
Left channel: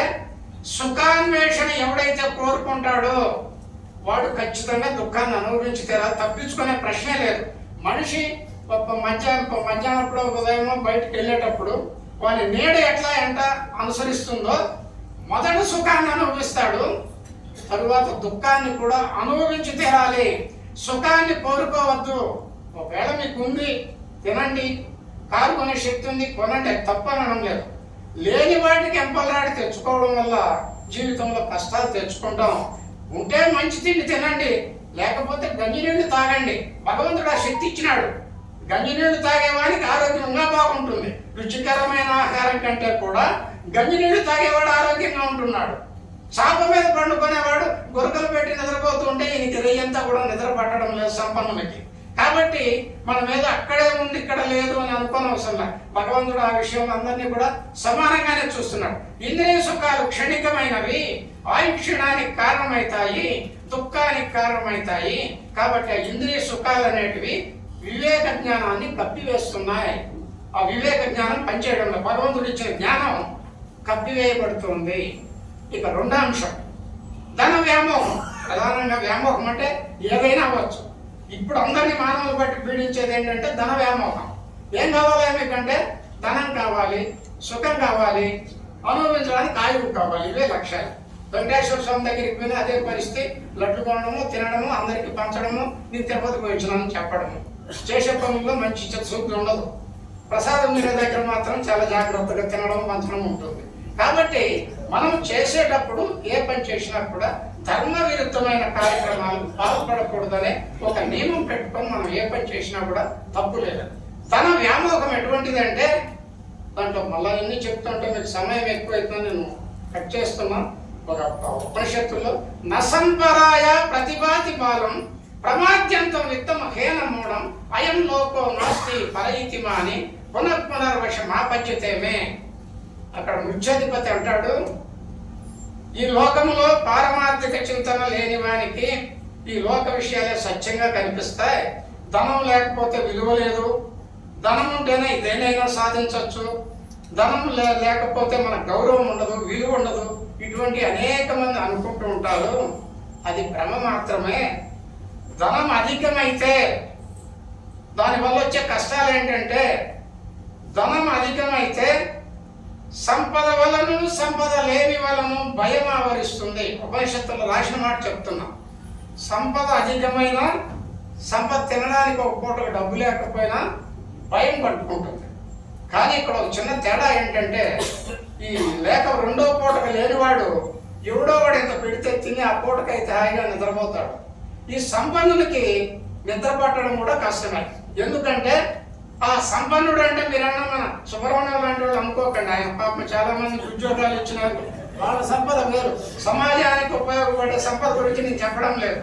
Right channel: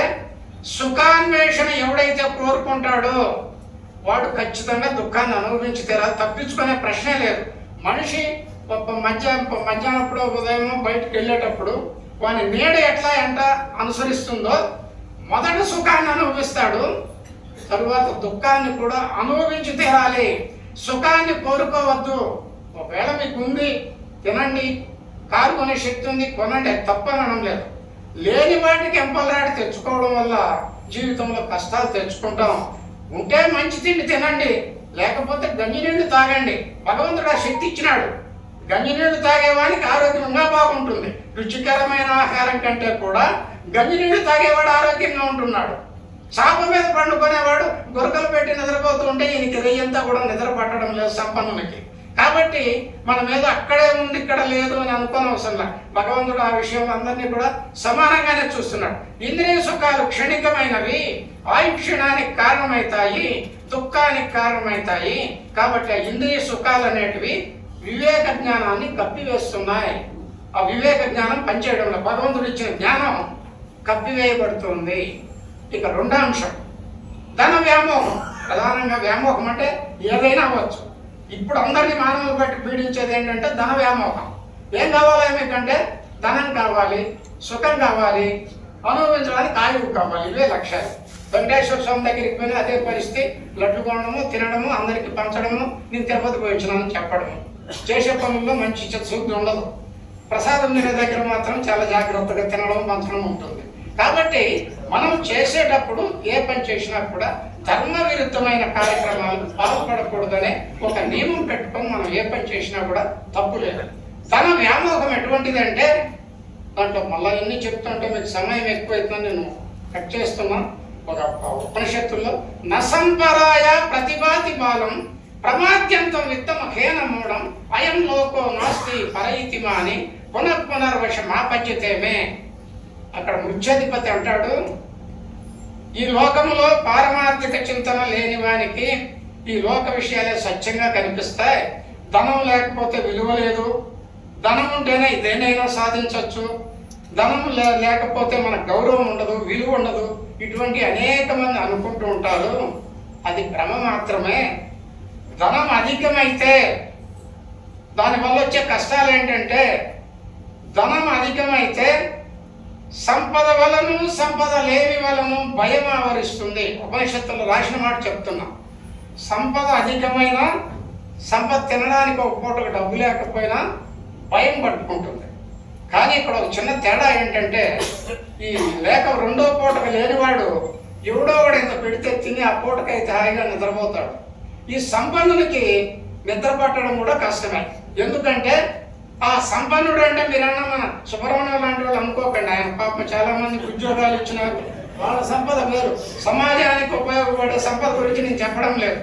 సుఖాన్వేషణ ఎవడైతే కోరుకుంటాడో వాడు ఖచ్చితంగా దుఃఖాన్ని అనుభవించి తీరాలి, తప్పించుకునే ప్రశ్నే లేదు. మనిషి మధ్యాహ్నప్పుడు ఉదయం బయటకు వెళ్ళేటప్పుడు వాని నీడ ఎట్లా అనుసరిస్తుందో మొదట సుఖాన్ని అనుభవిస్తాడు, తరువాత దుఃఖాన్ని కూడా అనుభవించి తీరాలి. సుఖాన్ని కోరుకోవద్దు. ఒకవేళ మీకు ఉంది తినండి, కారు కొనే శక్తి ఉంది కొనండి, తప్పనడం లేదు. లేని వాటికి ఎంపలాడి తెచ్చుకోవడం వల్ల జీవితంలో కష్టాలు తెచ్చుకుంటాం. ఉంటే మంచి తిండి తినండి, లేకపోతే గంజినీళ్ళు తాగండి. భగవంతుడు ఆ శక్తి ఇచ్చినాడు. గంజినీళ్ళు తాగేవాడికి ఆరోగ్యంగా బాగుంటుంది. రుచికరమైన ఆహారం కంటే కూడా గంజినీళ్ళు తాగేవాడు ఆరోగ్యంగా ఉంటున్నాడు. చాప మీద పండుకునేవాడు గురకలు పెట్టి నిద్రపోతూ ఉంటే ఈయనకి రేయంతా కూడా నిద్ర పట్టడం లేదు సంపన్నులకి. కాబట్టి మన మీద అక్కడే ఉంది ఇక్కడ లేదు అని అనుకోనవసరంలా. భగవంతుడు ఆ విషయంలో అందరినీ కూడా సమానంగానే చూస్తున్నాడు. ఇంద్రియ సుఖాలు క్షణికమైనవి, ఆయుక్షణానికి కారణమవుతాయి, దుఃఖానికి కారణమవుతాయి. కాబట్టి ఆ ఇంద్రియ సుఖాలు అనేటివి వివేక జ్ఞానాన్ని కప్పివేస్తున్నాయి. ఆ వివేక జ్ఞానం పనిచేయడంలో భగవంతుడు ఇచ్చిన జ్ఞానం కప్పివేయబడుతుంది. ఇక రెండో అంశం ధన వ్యామోహం. ప్రధానంగా వ్యామోహం అంటే ఏదైనా అవ్వచ్చు. ఇప్పుడు అందరినీ మానవులు బట్టి పీడించేది ఏంటంటే ధన వ్యామోహం. ఏం కావాలి ఏమిటంటే ధనం కావాలి, సుఖం కావాలి, అనుభవించడానికి ఆయువు కావాలి. ఇవే లక్ష్యాలు. వెంకటేశ్వర స్వామి దగ్గరికి పోయిన అదే పరిస్థితి, లడ్డు కొనడము, తినడము, అందరికి పంచడము, నేను తిరుపతి పోయించినానని చెప్పడము. చేసే పనుల్లో మంచి శుద్ధి ఉండదు. ప్రసాదం తినే దగ్గర మాత్రం చాలా జాగ్రత్తగా తినడం పంచడం ఉంటుంది. కాబట్టి మనం చేసేటప్పుడు ఏ పని చేసినా కూడా ధర్మ విరుద్ధమైన కార్యక్రమాలు పాల్పడకూడదనే ఒక నియమం పెట్టుకొని మనం ఏ పని చేసినా కూడా తప్పు లేదు. ధన వ్యామోహం ఎటువంటిది అంటే దాంట్లో మళ్ళీ ఇన్ని చెప్తుంటే మీకు సమయం ఎక్కువైతుందని నేను కట్ చేస్తున్నా. ఒక ఉపనిషత్తుల్లో నసంపరాయ ప్రతిభాతి బాలం ప్రమాద్యంతం విత్తమ హేనమూడం అయం లోకో నాస్తి పరయితిమాని పునర్వశమాపద్యతేమే. అక్కడ ముఖ్యాధిపతి అంటాడు, ఈ లోకంలో పారమార్థిక చింతన లేని వానికి ఈ లోక విషయాలే సత్యంగా కనిపిస్తాయి. ధనం లేకపోతే విలువ లేదు, ధనం ఉంటేనే దేనైనా సాధించవచ్చు, ధనం లేకపోతే మన గౌరవం ఉండదు, విలువ ఉండదు, ఇటువంటి అనేక మంది అనుకుంటూ ఉంటారు. అది భ్రమ మాత్రమే. ధనం అధికమైతే దానివల్ల వచ్చే కష్టాలు ఏంటంటే ధనం అధికమైతే సంపద వలను సంపద లేని వలను భయం ఆవరిస్తుంది. ఉపనిషత్తులు రాసిన మాట చెప్తున్నా. సంపద అధికమైన సంపద తినడానికి ఒక పూటకు డబ్బు లేకపోయినా భయం పట్టుకుంటుంది. కానీ ఇక్కడ ఒక చిన్న తేడా ఏంటంటే ఈ లేక రెండో పూటకు లేనివాడు ఎవడో వాడు ఇంత పెడితే తిని ఆ పూటకైతే హాయిగా నిద్రపోతాడు. ఈ సంపన్నులకి నిద్ర పట్టడం కూడా కష్టమే. ఎందుకంటే ఆ సంపన్నుడు అంటే మీరన్నా మన సుబ్రహ్మణ్యం లాంటి వాళ్ళు అనుకోకండి. ఆయన పాపం చాలా మందికి ఉద్యోగాలు ఇచ్చినారు, వాళ్ళ సంపద వేరు. సమాజానికి ఉపయోగపడే సంపద గురించి నేను చెప్పడం లేదు.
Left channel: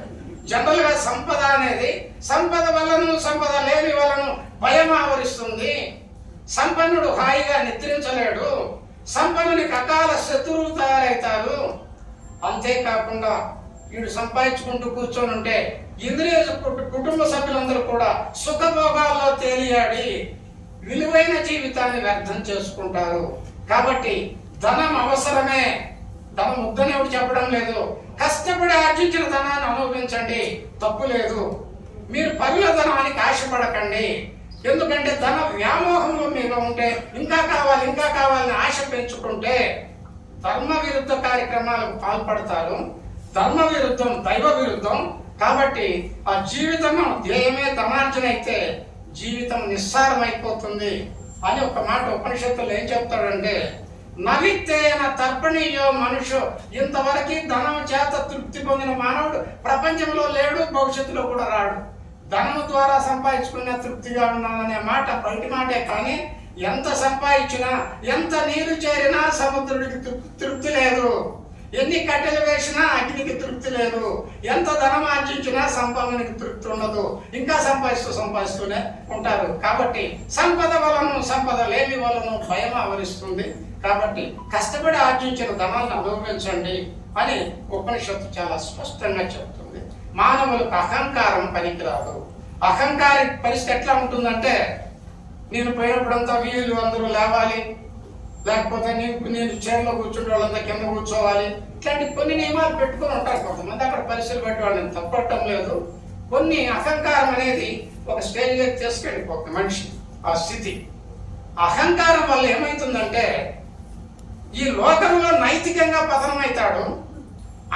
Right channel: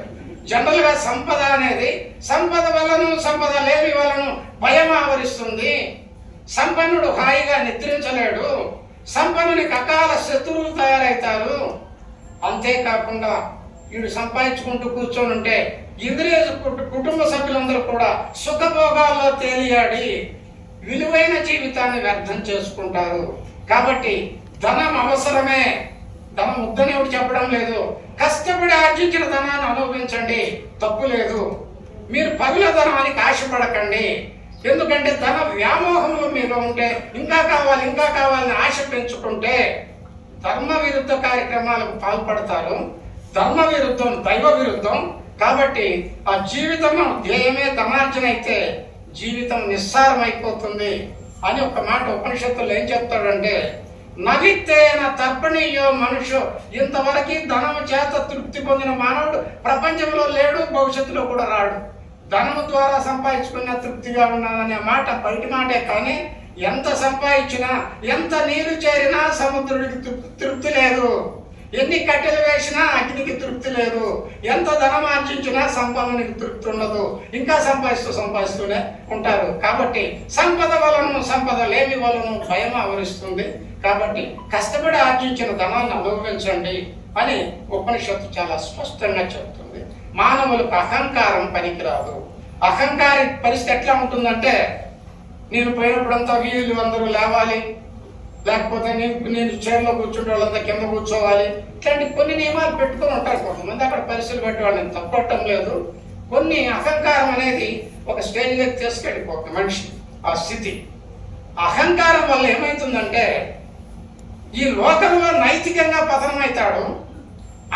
జనరల్ గా సంపద అనేది సంపద వలను సంపద లేని వలను భయం ఆవరిస్తుంది. సంపన్నుడు హాయిగా నిద్రించలేడు, సంపన్నునికి అకాల శత్రువులు తయారవుతారు. అంతేకాకుండా వీడు సంపాదించుకుంటూ కూర్చొని ఉంటే ఇంద్రియ కుటుంబ సభ్యులందరూ కూడా సుఖభోగాల్లో తేలియాడి విలువైన జీవితాన్ని వ్యర్థం చేసుకుంటారు. కాబట్టి ధనం అవసరమే, ధనం వద్దని ఎవరు చెప్పడం లేదు. కష్టపడి ఆర్జించిన ధనాన్ని అనుభవించండి, తప్పు లేదు. మీరు పరుల ధనానికి ఆశపడకండి. ఎందుకంటే ధన వ్యామోహంలో మీరు ఉంటే, ఇంకా కావాలని ఆశ పెంచుకుంటే ధర్మ విరుద్ధ కార్యక్రమాలకు పాల్పడతారు. ధర్మ విరుద్ధం దైవ విరుద్ధం. కాబట్టి ఆ జీవితం ధ్యేయమే ధనార్జన అయితే జీవితం నిస్సారం అయిపోతుంది అని ఒక మాట ఉపనిషత్తులు ఏం చెప్తాడంటే, నవిత్తేన తర్పణీయో మనుషు. ఇంతవరకు ధనం చేత తృప్తి పొందిన మానవుడు ప్రపంచంలో లేడు, భవిష్యత్తులో కూడా రాడు. ధనం ద్వారా సంపాదించుకునే తృప్తిగా ఉన్నాననే మాట బయటి మాటే, కానీ ఎంత సంపాదించినా ఎంత నీరు చేరినా సముద్రుడికి తృప్తి లేదు. ఎన్ని కట్టెలు వేసినా అగ్నికి తృప్తి లేదు. ఎంత ధనం ఆర్జించినా సంపాదనకి తృప్తి ఉండదు. ఇంకా సంపాదిస్తూనే ఉంటారు. కాబట్టి సంపద లేని వలన భయం ఆవరిస్తుంది. కాబట్టి కష్టపడి ఆర్జించిన ధనాన్ని అనుభవించండి అని ఉపనిషత్తు చాలా స్పష్టంగా చెబుతుంది. మానవులకు అహంకారం పనికిరాదు. అహంకార పరిస్థితి ఎట్లా ఉంటుందంటే, నేను పోయినప్పుడంతా వీళ్ళు అందరూ లేవాలి, లేకపోతే నేను చైర్లో కూర్చుంటే వాళ్ళంతా కింద కూర్చోవాలి. ఇట్లాంటి కొన్ని నియమాలు పెట్టుకుని ఉంటారు కొంతమంది. అక్కడ పరిస్థితులు పెట్టి వాళ్ళని తప్పట్టం లేదు. కొన్ని అహంకారం అనేది ఒక స్టేజ్లోకి తీసుకెళ్ళిపోతుంది మనిషి. ఆ స్థితి అహంకారం వల్ల ఏమవుతుందంటే, ఈ లోకంలో నైతికంగా పతనమవుతాడు.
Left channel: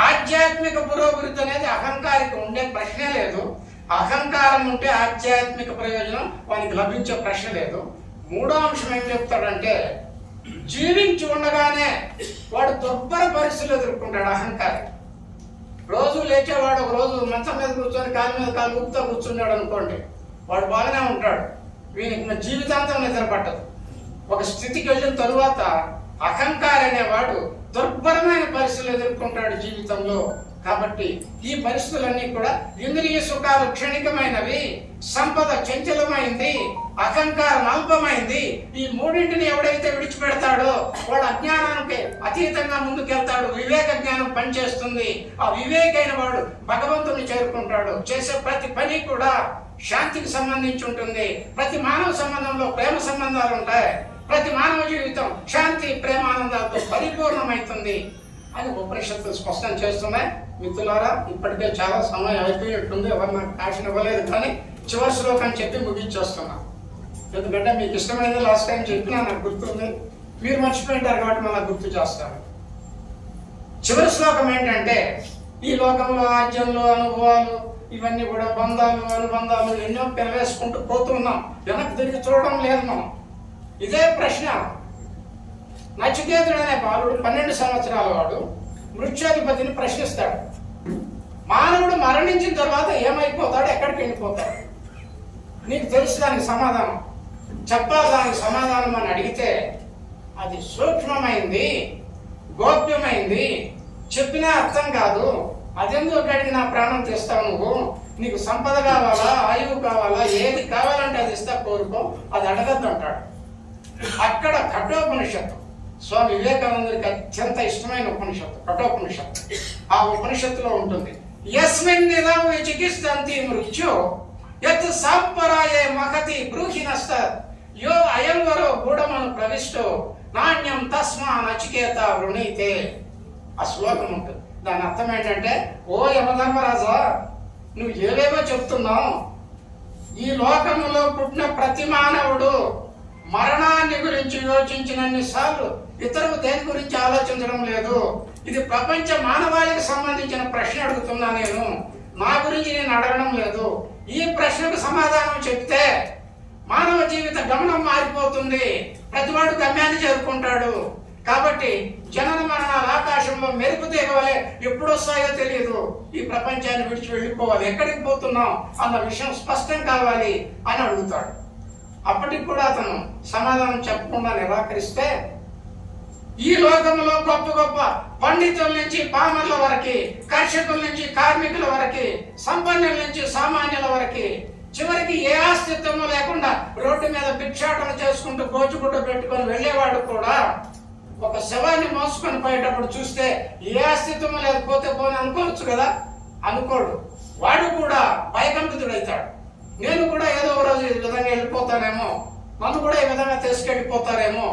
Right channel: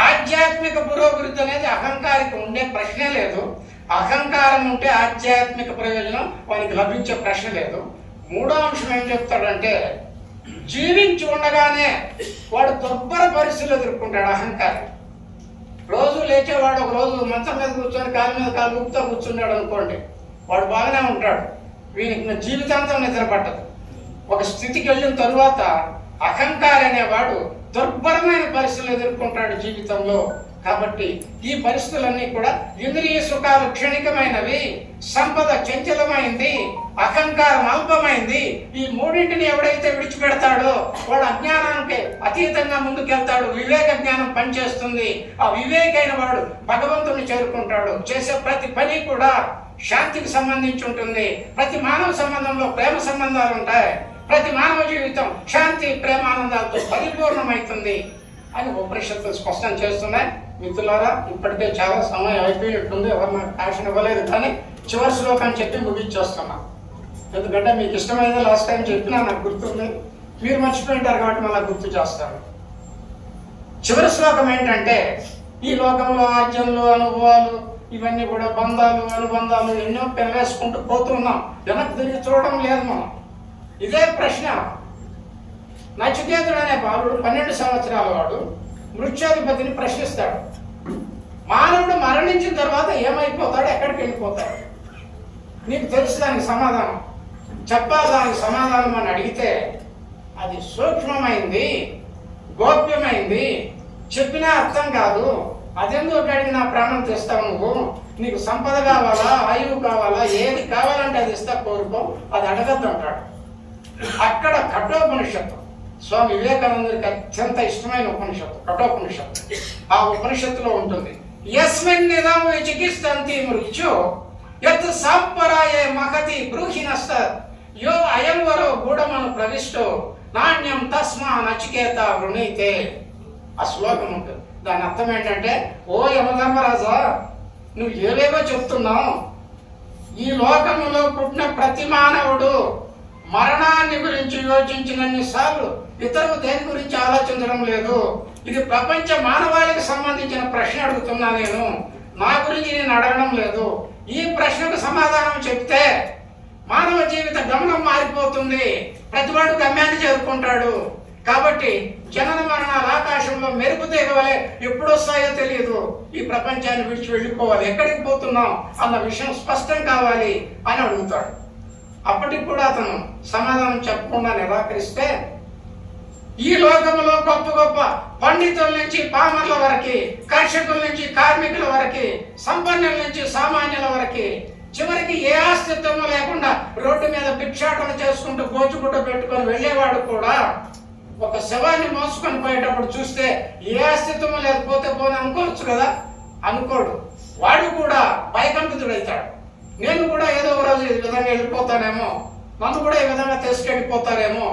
ఆధ్యాత్మిక పురోభివృద్ధి అనేది అహంకారికి ఉండే ప్రశ్నే లేదు. అహంకారం ఉంటే ఆధ్యాత్మిక ప్రయోజనం వానికి లభించే ప్రశ్న లేదు. మూడో అంశం ఏం చెప్తాడంటే, జీవించి ఉండగానే వాడు దుర్భర పరిస్థితులు ఎదుర్కొంటాడు. అహంకారం రోజు లేచేవాడు ఒక రోజు మంచం మీద కూర్చొని కాలు మీద కాలు ఊపుతా కూర్చున్నాడు అనుకోండి, వాడు బాగానే ఉంటాడు. వీనికి జీవితాంతం నిద్ర పట్టదు. ఒక స్థితికి వెళ్ళిన తరువాత అహంకారి అనేవాడు దుర్భరమైన పరిస్థితులు ఎదుర్కొంటాడు జీవితంలో. కాబట్టి ఈ పరిస్థితులన్నీ కూడా ఇంద్రియ సుఖాలు క్షణికమైనవి, సంపద చంచలమైంది, అహంకారం అల్పమైంది. ఈ మూడింటిని ఎవడైతే విడిచిపెడతాడో వాడు అజ్ఞానానికి అతీతంగా ముందుకెళ్తాడు. వివేక జ్ఞానం పనిచేస్తుంది. ఆ వివేకైన వాడు భగవంతుని చేరుకుంటాడు. చేసే ప్రతి పని కూడా శాంతికి సంబంధించి ఉంటుంది. ప్రతి మానవ సంబంధంలో ప్రేమ సంబంధాలు ఉంటాయి. ప్రతి మానవ జీవితం శాంతి ప్రేమానందాలతో పరిపూర్ణమవుతుంది అని ఉపనిషత్తులు స్పష్టం చేస్తున్నాయి. మిత్రులారా, ఇప్పటికే చాలా సమయం అయిపోయినట్టుంది. ఎవరు నాకు యాక్షన్ ఇవ్వలేదు, కానీ చివరి శ్లోకం చెప్పి ముగించేస్తున్నాను. ఎందుకంటే మీకు ఇష్టమైనది లాస్ట్ టైం చెప్పినా నాకు గుర్తుంది, మీరు మర్చిపోయింటారు కాబట్టి మళ్ళీ గుర్తు చేస్తాను. చివరి శ్లోకం ఏంటంటే, ఈ లోకంలో ఆర్జనలు, అనుభవాలు, ఇవన్నీ కూడా బంధాలు, అనుబంధాలు ఎన్నో పెరవేసుకుంటూ పోతున్నాం. వెనక్కి తిరిగి చూడడం లేదు మనం. ఇదే ప్రశ్న నచికేతుడు అనే బాలుడు 12 సంవత్సరాల వాడు మృత్యాధిపతిని ప్రశ్నిస్తాడు. మానవుడు మరణించిన తర్వాత ఏమైపోతాడు, ఎక్కడికి వెళ్ళిపోతాడు, నీకు తెలుసు దానికి సమాధానం, చెప్పాలి దానికి సమాధానం అని అడిగితే, అది సూక్ష్మమైంది, గోప్యమైంది, చెప్పినా అర్థం కాదు. అదెందుకు అడిగినా ప్రాణం తీస్తావు నువ్వు? నీకు సంపద కావాలా, ఆయువు కావాలా, ఏది కావాలంటే అది ఇస్తా, కోరుకో, అది అడగద్దు అంటాడు. అక్కడ కఠోపనిషత్తు స్వామి వివేకానందుడికి అత్యంత ఇష్టమైన ఉపనిషత్తు కఠోపనిషత్తు. ఆ ఉపనిషత్తులో ఉంటుంది, యస్మిన్ నిదం విచికిత్సంతి మృత్యు యత్ సాంపరాయే మహతి బ్రూహి నష్ట యో అయం వరో గూఢమను ప్రవిష్టో నాణ్యం తస్మా నచికేత వృణీతే. ఆ శ్లోకం ఉంటుంది. దాని అర్థం ఏంటంటే, ఓ యమధర్మరాజా, నువ్వు ఏవేవో చెప్తున్నావు. ఈ లోకములో పుట్టిన ప్రతి మానవుడు మరణాన్ని గురించి యోచించినన్ని సార్లు ఇతరులు దేని గురించి ఆలోచించడం లేదు. ఇది ప్రపంచ మానవాళికి సంబంధించిన ప్రశ్న అడుగుతున్నా నేను, నా గురించి నేను అడగడం లేదు. ఈ ప్రశ్నకు సమాధానం చెప్తే మానవ జీవిత గమనం మారిపోతుంది. ప్రతివాడు గమ్యాన్ని చేరుకుంటాడు. కాబట్టి జనన మరణాలు ఆకాశంలో మెరుపు తీగవలే ఎప్పుడు వస్తాయో తెలియదు. ఈ ప్రపంచాన్ని విడిచి వెళ్ళిపోవాలి, ఎక్కడికి పోతున్నాం అన్న విషయం స్పష్టం కావాలి అని అడుగుతాడు. అప్పటికి కూడా అతను సమాధానం చెప్పకుండా నిరాకరిస్తే, ఈ లోకంలో గొప్ప గొప్ప పండితుల నుంచి పామర్ల వరకు, కర్షకుల నుంచి కార్మికుల వరకు, సంపన్నుల నుంచి సామాన్యుల వరకు, చివరికి ఏ అస్తిత్వము లేకుండా రోడ్డు మీద భిక్షాటన చేసుకుంటూ గోచుగుడ్డ పెట్టుకొని వెళ్ళేవాడు కూడా ఒక శవాన్ని మోసుకొని పోయేటప్పుడు చూస్తే ఏ అస్తిత్వము లేకపోతే పోని అనుకోవచ్చు కదా, అనుకోడు. వాడు కూడా భయకంపితుడైతాడు. నేను కూడా ఏదో ఒక రోజు ఈ విధంగా వెళ్ళిపోతానేమో, నన్ను కూడా ఈ విధంగా తీసుకెళ్ళిపోతారేమో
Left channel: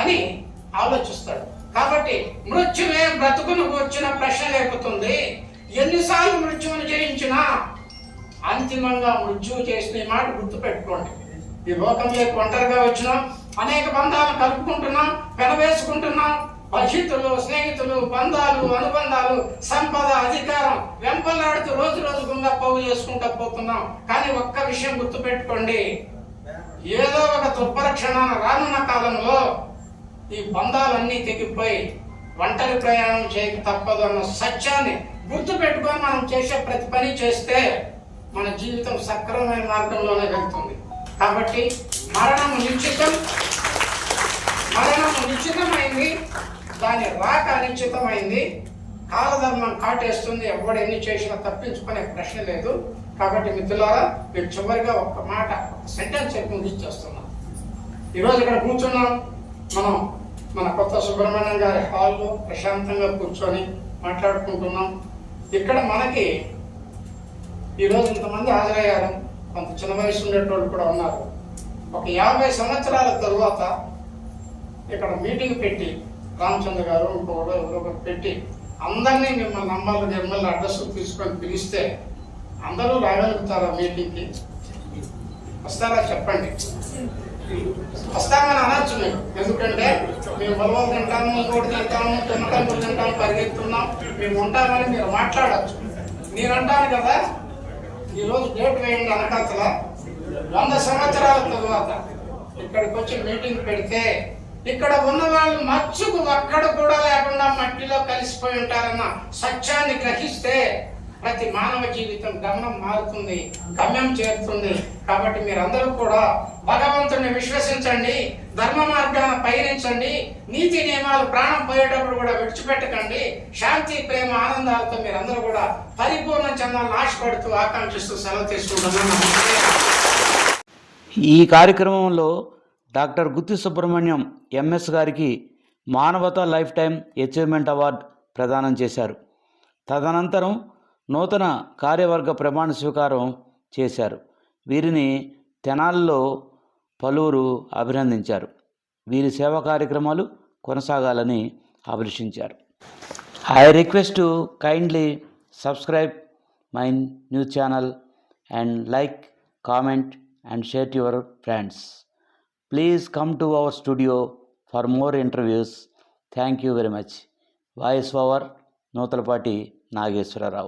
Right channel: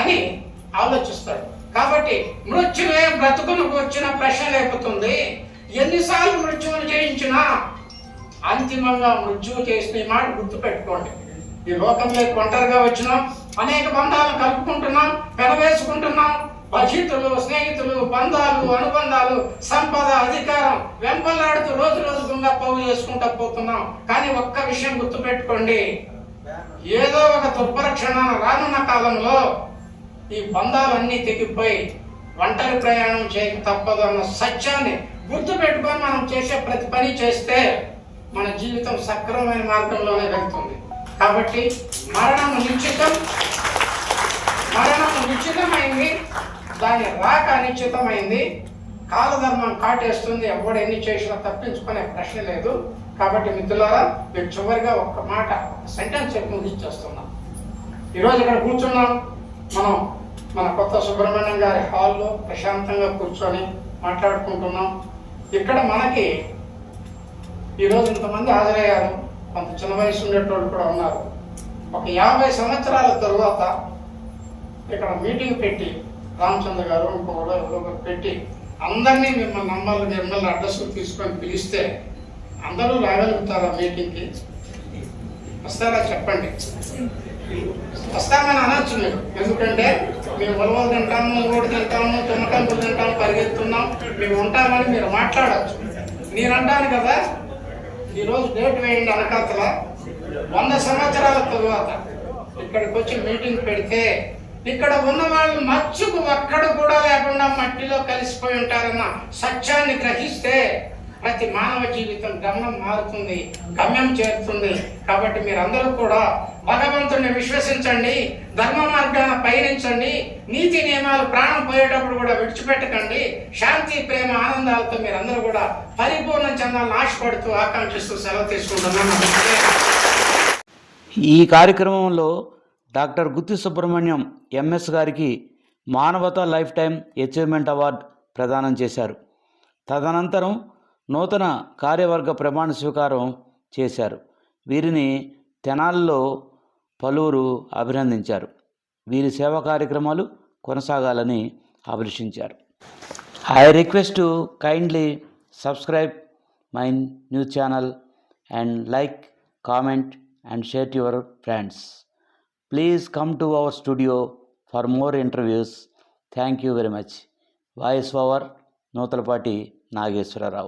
అని ఆలోచిస్తాడు. కాబట్టి మృత్యువే బ్రతుకును వచ్చిన ప్రశ్న లేపుతుంది. ఎన్నిసార్లు మృత్యువును జయించినా అంతిమంగా మృత్యువు చేసిన ఈ మాట గుర్తు పెట్టుకోండి. ఈ లోకంలోకి ఒంటరిగా వచ్చినాం, అనేక బంధాలను కలుపుకుంటున్నాం, పెనవేసుకుంటున్నాం. బంధువులు, స్నేహితులు, బంధాలు, అనుబంధాలు, సంపద, అధికారం వెంపలాడుతూ రోజు రోజు గుండా పోగు చేసుకుంటూ పోతున్నాం. కానీ ఒక్క విషయం గుర్తుపెట్టుకోండి, ఏదో ఒక దుర్భరక్షణాన రానున్న కాలంలో ఈ బంధాలన్నీ తెగిపోయి ఒంటరి ప్రయాణం చేయక తప్పదు అన్న సత్యాన్ని గుర్తుపెట్టుకొని మనం చేసే ప్రతి పని చేస్తే మన జీవితం సక్రమమైన మార్గంలోనే వెళ్తుంది. కాబట్టి మరణము నిశ్చితమైంది, దాని రాక అనిశ్చితమైంది. కాలధర్మం కాటేస్తుంది, ఎవడు ఎన్ని చేసినా తప్పించుకునే ప్రశ్న లేదు. కాబట్టి మిత్రులారా, మీరు చివరిగా ఒక్క మాట సెంటెన్స్ చెప్పి ముగించేస్తున్నాం. ఈరోజు ఇక్కడ కూర్చున్నాం, మనం మన కొత్త సుబ్రహ్మణ్యం గారి హాల్లో ప్రశాంతంగా కూర్చొని మాట్లాడుకుంటున్నాం. ఇక్కడ మనకి ఈరోజు ఇంతమంది హాజరయ్యారు, కొంత చిన్న వయసు ఉండేటోళ్ళు కూడా ఉన్నారు. ఒక 50 సంవత్సరాల తరువాత ఇక్కడ మీటింగ్ పెట్టి రామచంద్ర గారు ఇంకొకరు పెట్టి అందరినీ మిమ్మల్ని అడ్రస్ తీసుకొని పిలిస్తే అందరూ రాగలుగుతారా మీటింగ్కి? వస్తారా చెప్పండి. వస్తామని అనొచ్చు మీరు, ఎందుకంటే మేము బలవ తింటాము, ఊడు తింటాము, తుమ్మకాయలు తింటాము, పరిగెత్తున్నాం, మీరు ఉంటారని మీరు మాట్లాడచ్చు. నేనంటాను కదా, ఈరోజు డేట్ వేయండి అనకతల 100 సంవత్సరాల తరువాత ఇక్కడికి వచ్చి మీటింగ్ పెడితే ఇక్కడ ఉన్న వాళ్ళు మచ్చుకు ఒక్కడ కూడా లేకుండా మట్టిలో కలిసిపోయి ఉంటారన్న సత్యాన్ని గ్రహిస్తే ప్రతి మానవ జీవితం గమ్యం మారుతుంది, గమ్యం చేరుతుంది. కాబట్టి మీరందరూ కూడా భగవంతుడిని విశ్వసించండి, ధర్మ మార్గాన పయనించండి, నీతి నియమాలు ప్రాణం పోయేటప్పుడు కూడా విడిచిపెట్టకండి. శాంతి, ప్రేమ, ఆనందాలతో మీరందరూ కూడా పరిపూర్ణ చెందాలని ఆశపడుతూ ఆకాంక్షిస్తూ సెలవు తీసుకుంటున్నాను. ఈ కార్యక్రమంలో డాక్టర్ గుత్తి సుబ్రహ్మణ్యం ఎంఎస్ గారికి మానవతా లైఫ్ టైం అచీవ్మెంట్ అవార్డు ప్రదానం చేశారు. తదనంతరం నూతన కార్యవర్గ ప్రమాణ స్వీకారం చేశారు. వీరిని తెనాలిలో పలువురు అభినందించారు. వీరి సేవా కార్యక్రమాలు కొనసాగాలని అభిలషించారు. I request to kindly subscribe my news channel and like, comment and share to your friends. Please come to our studio for more interviews. Thank you very much. Voice over Notalpati Nageswara Rao.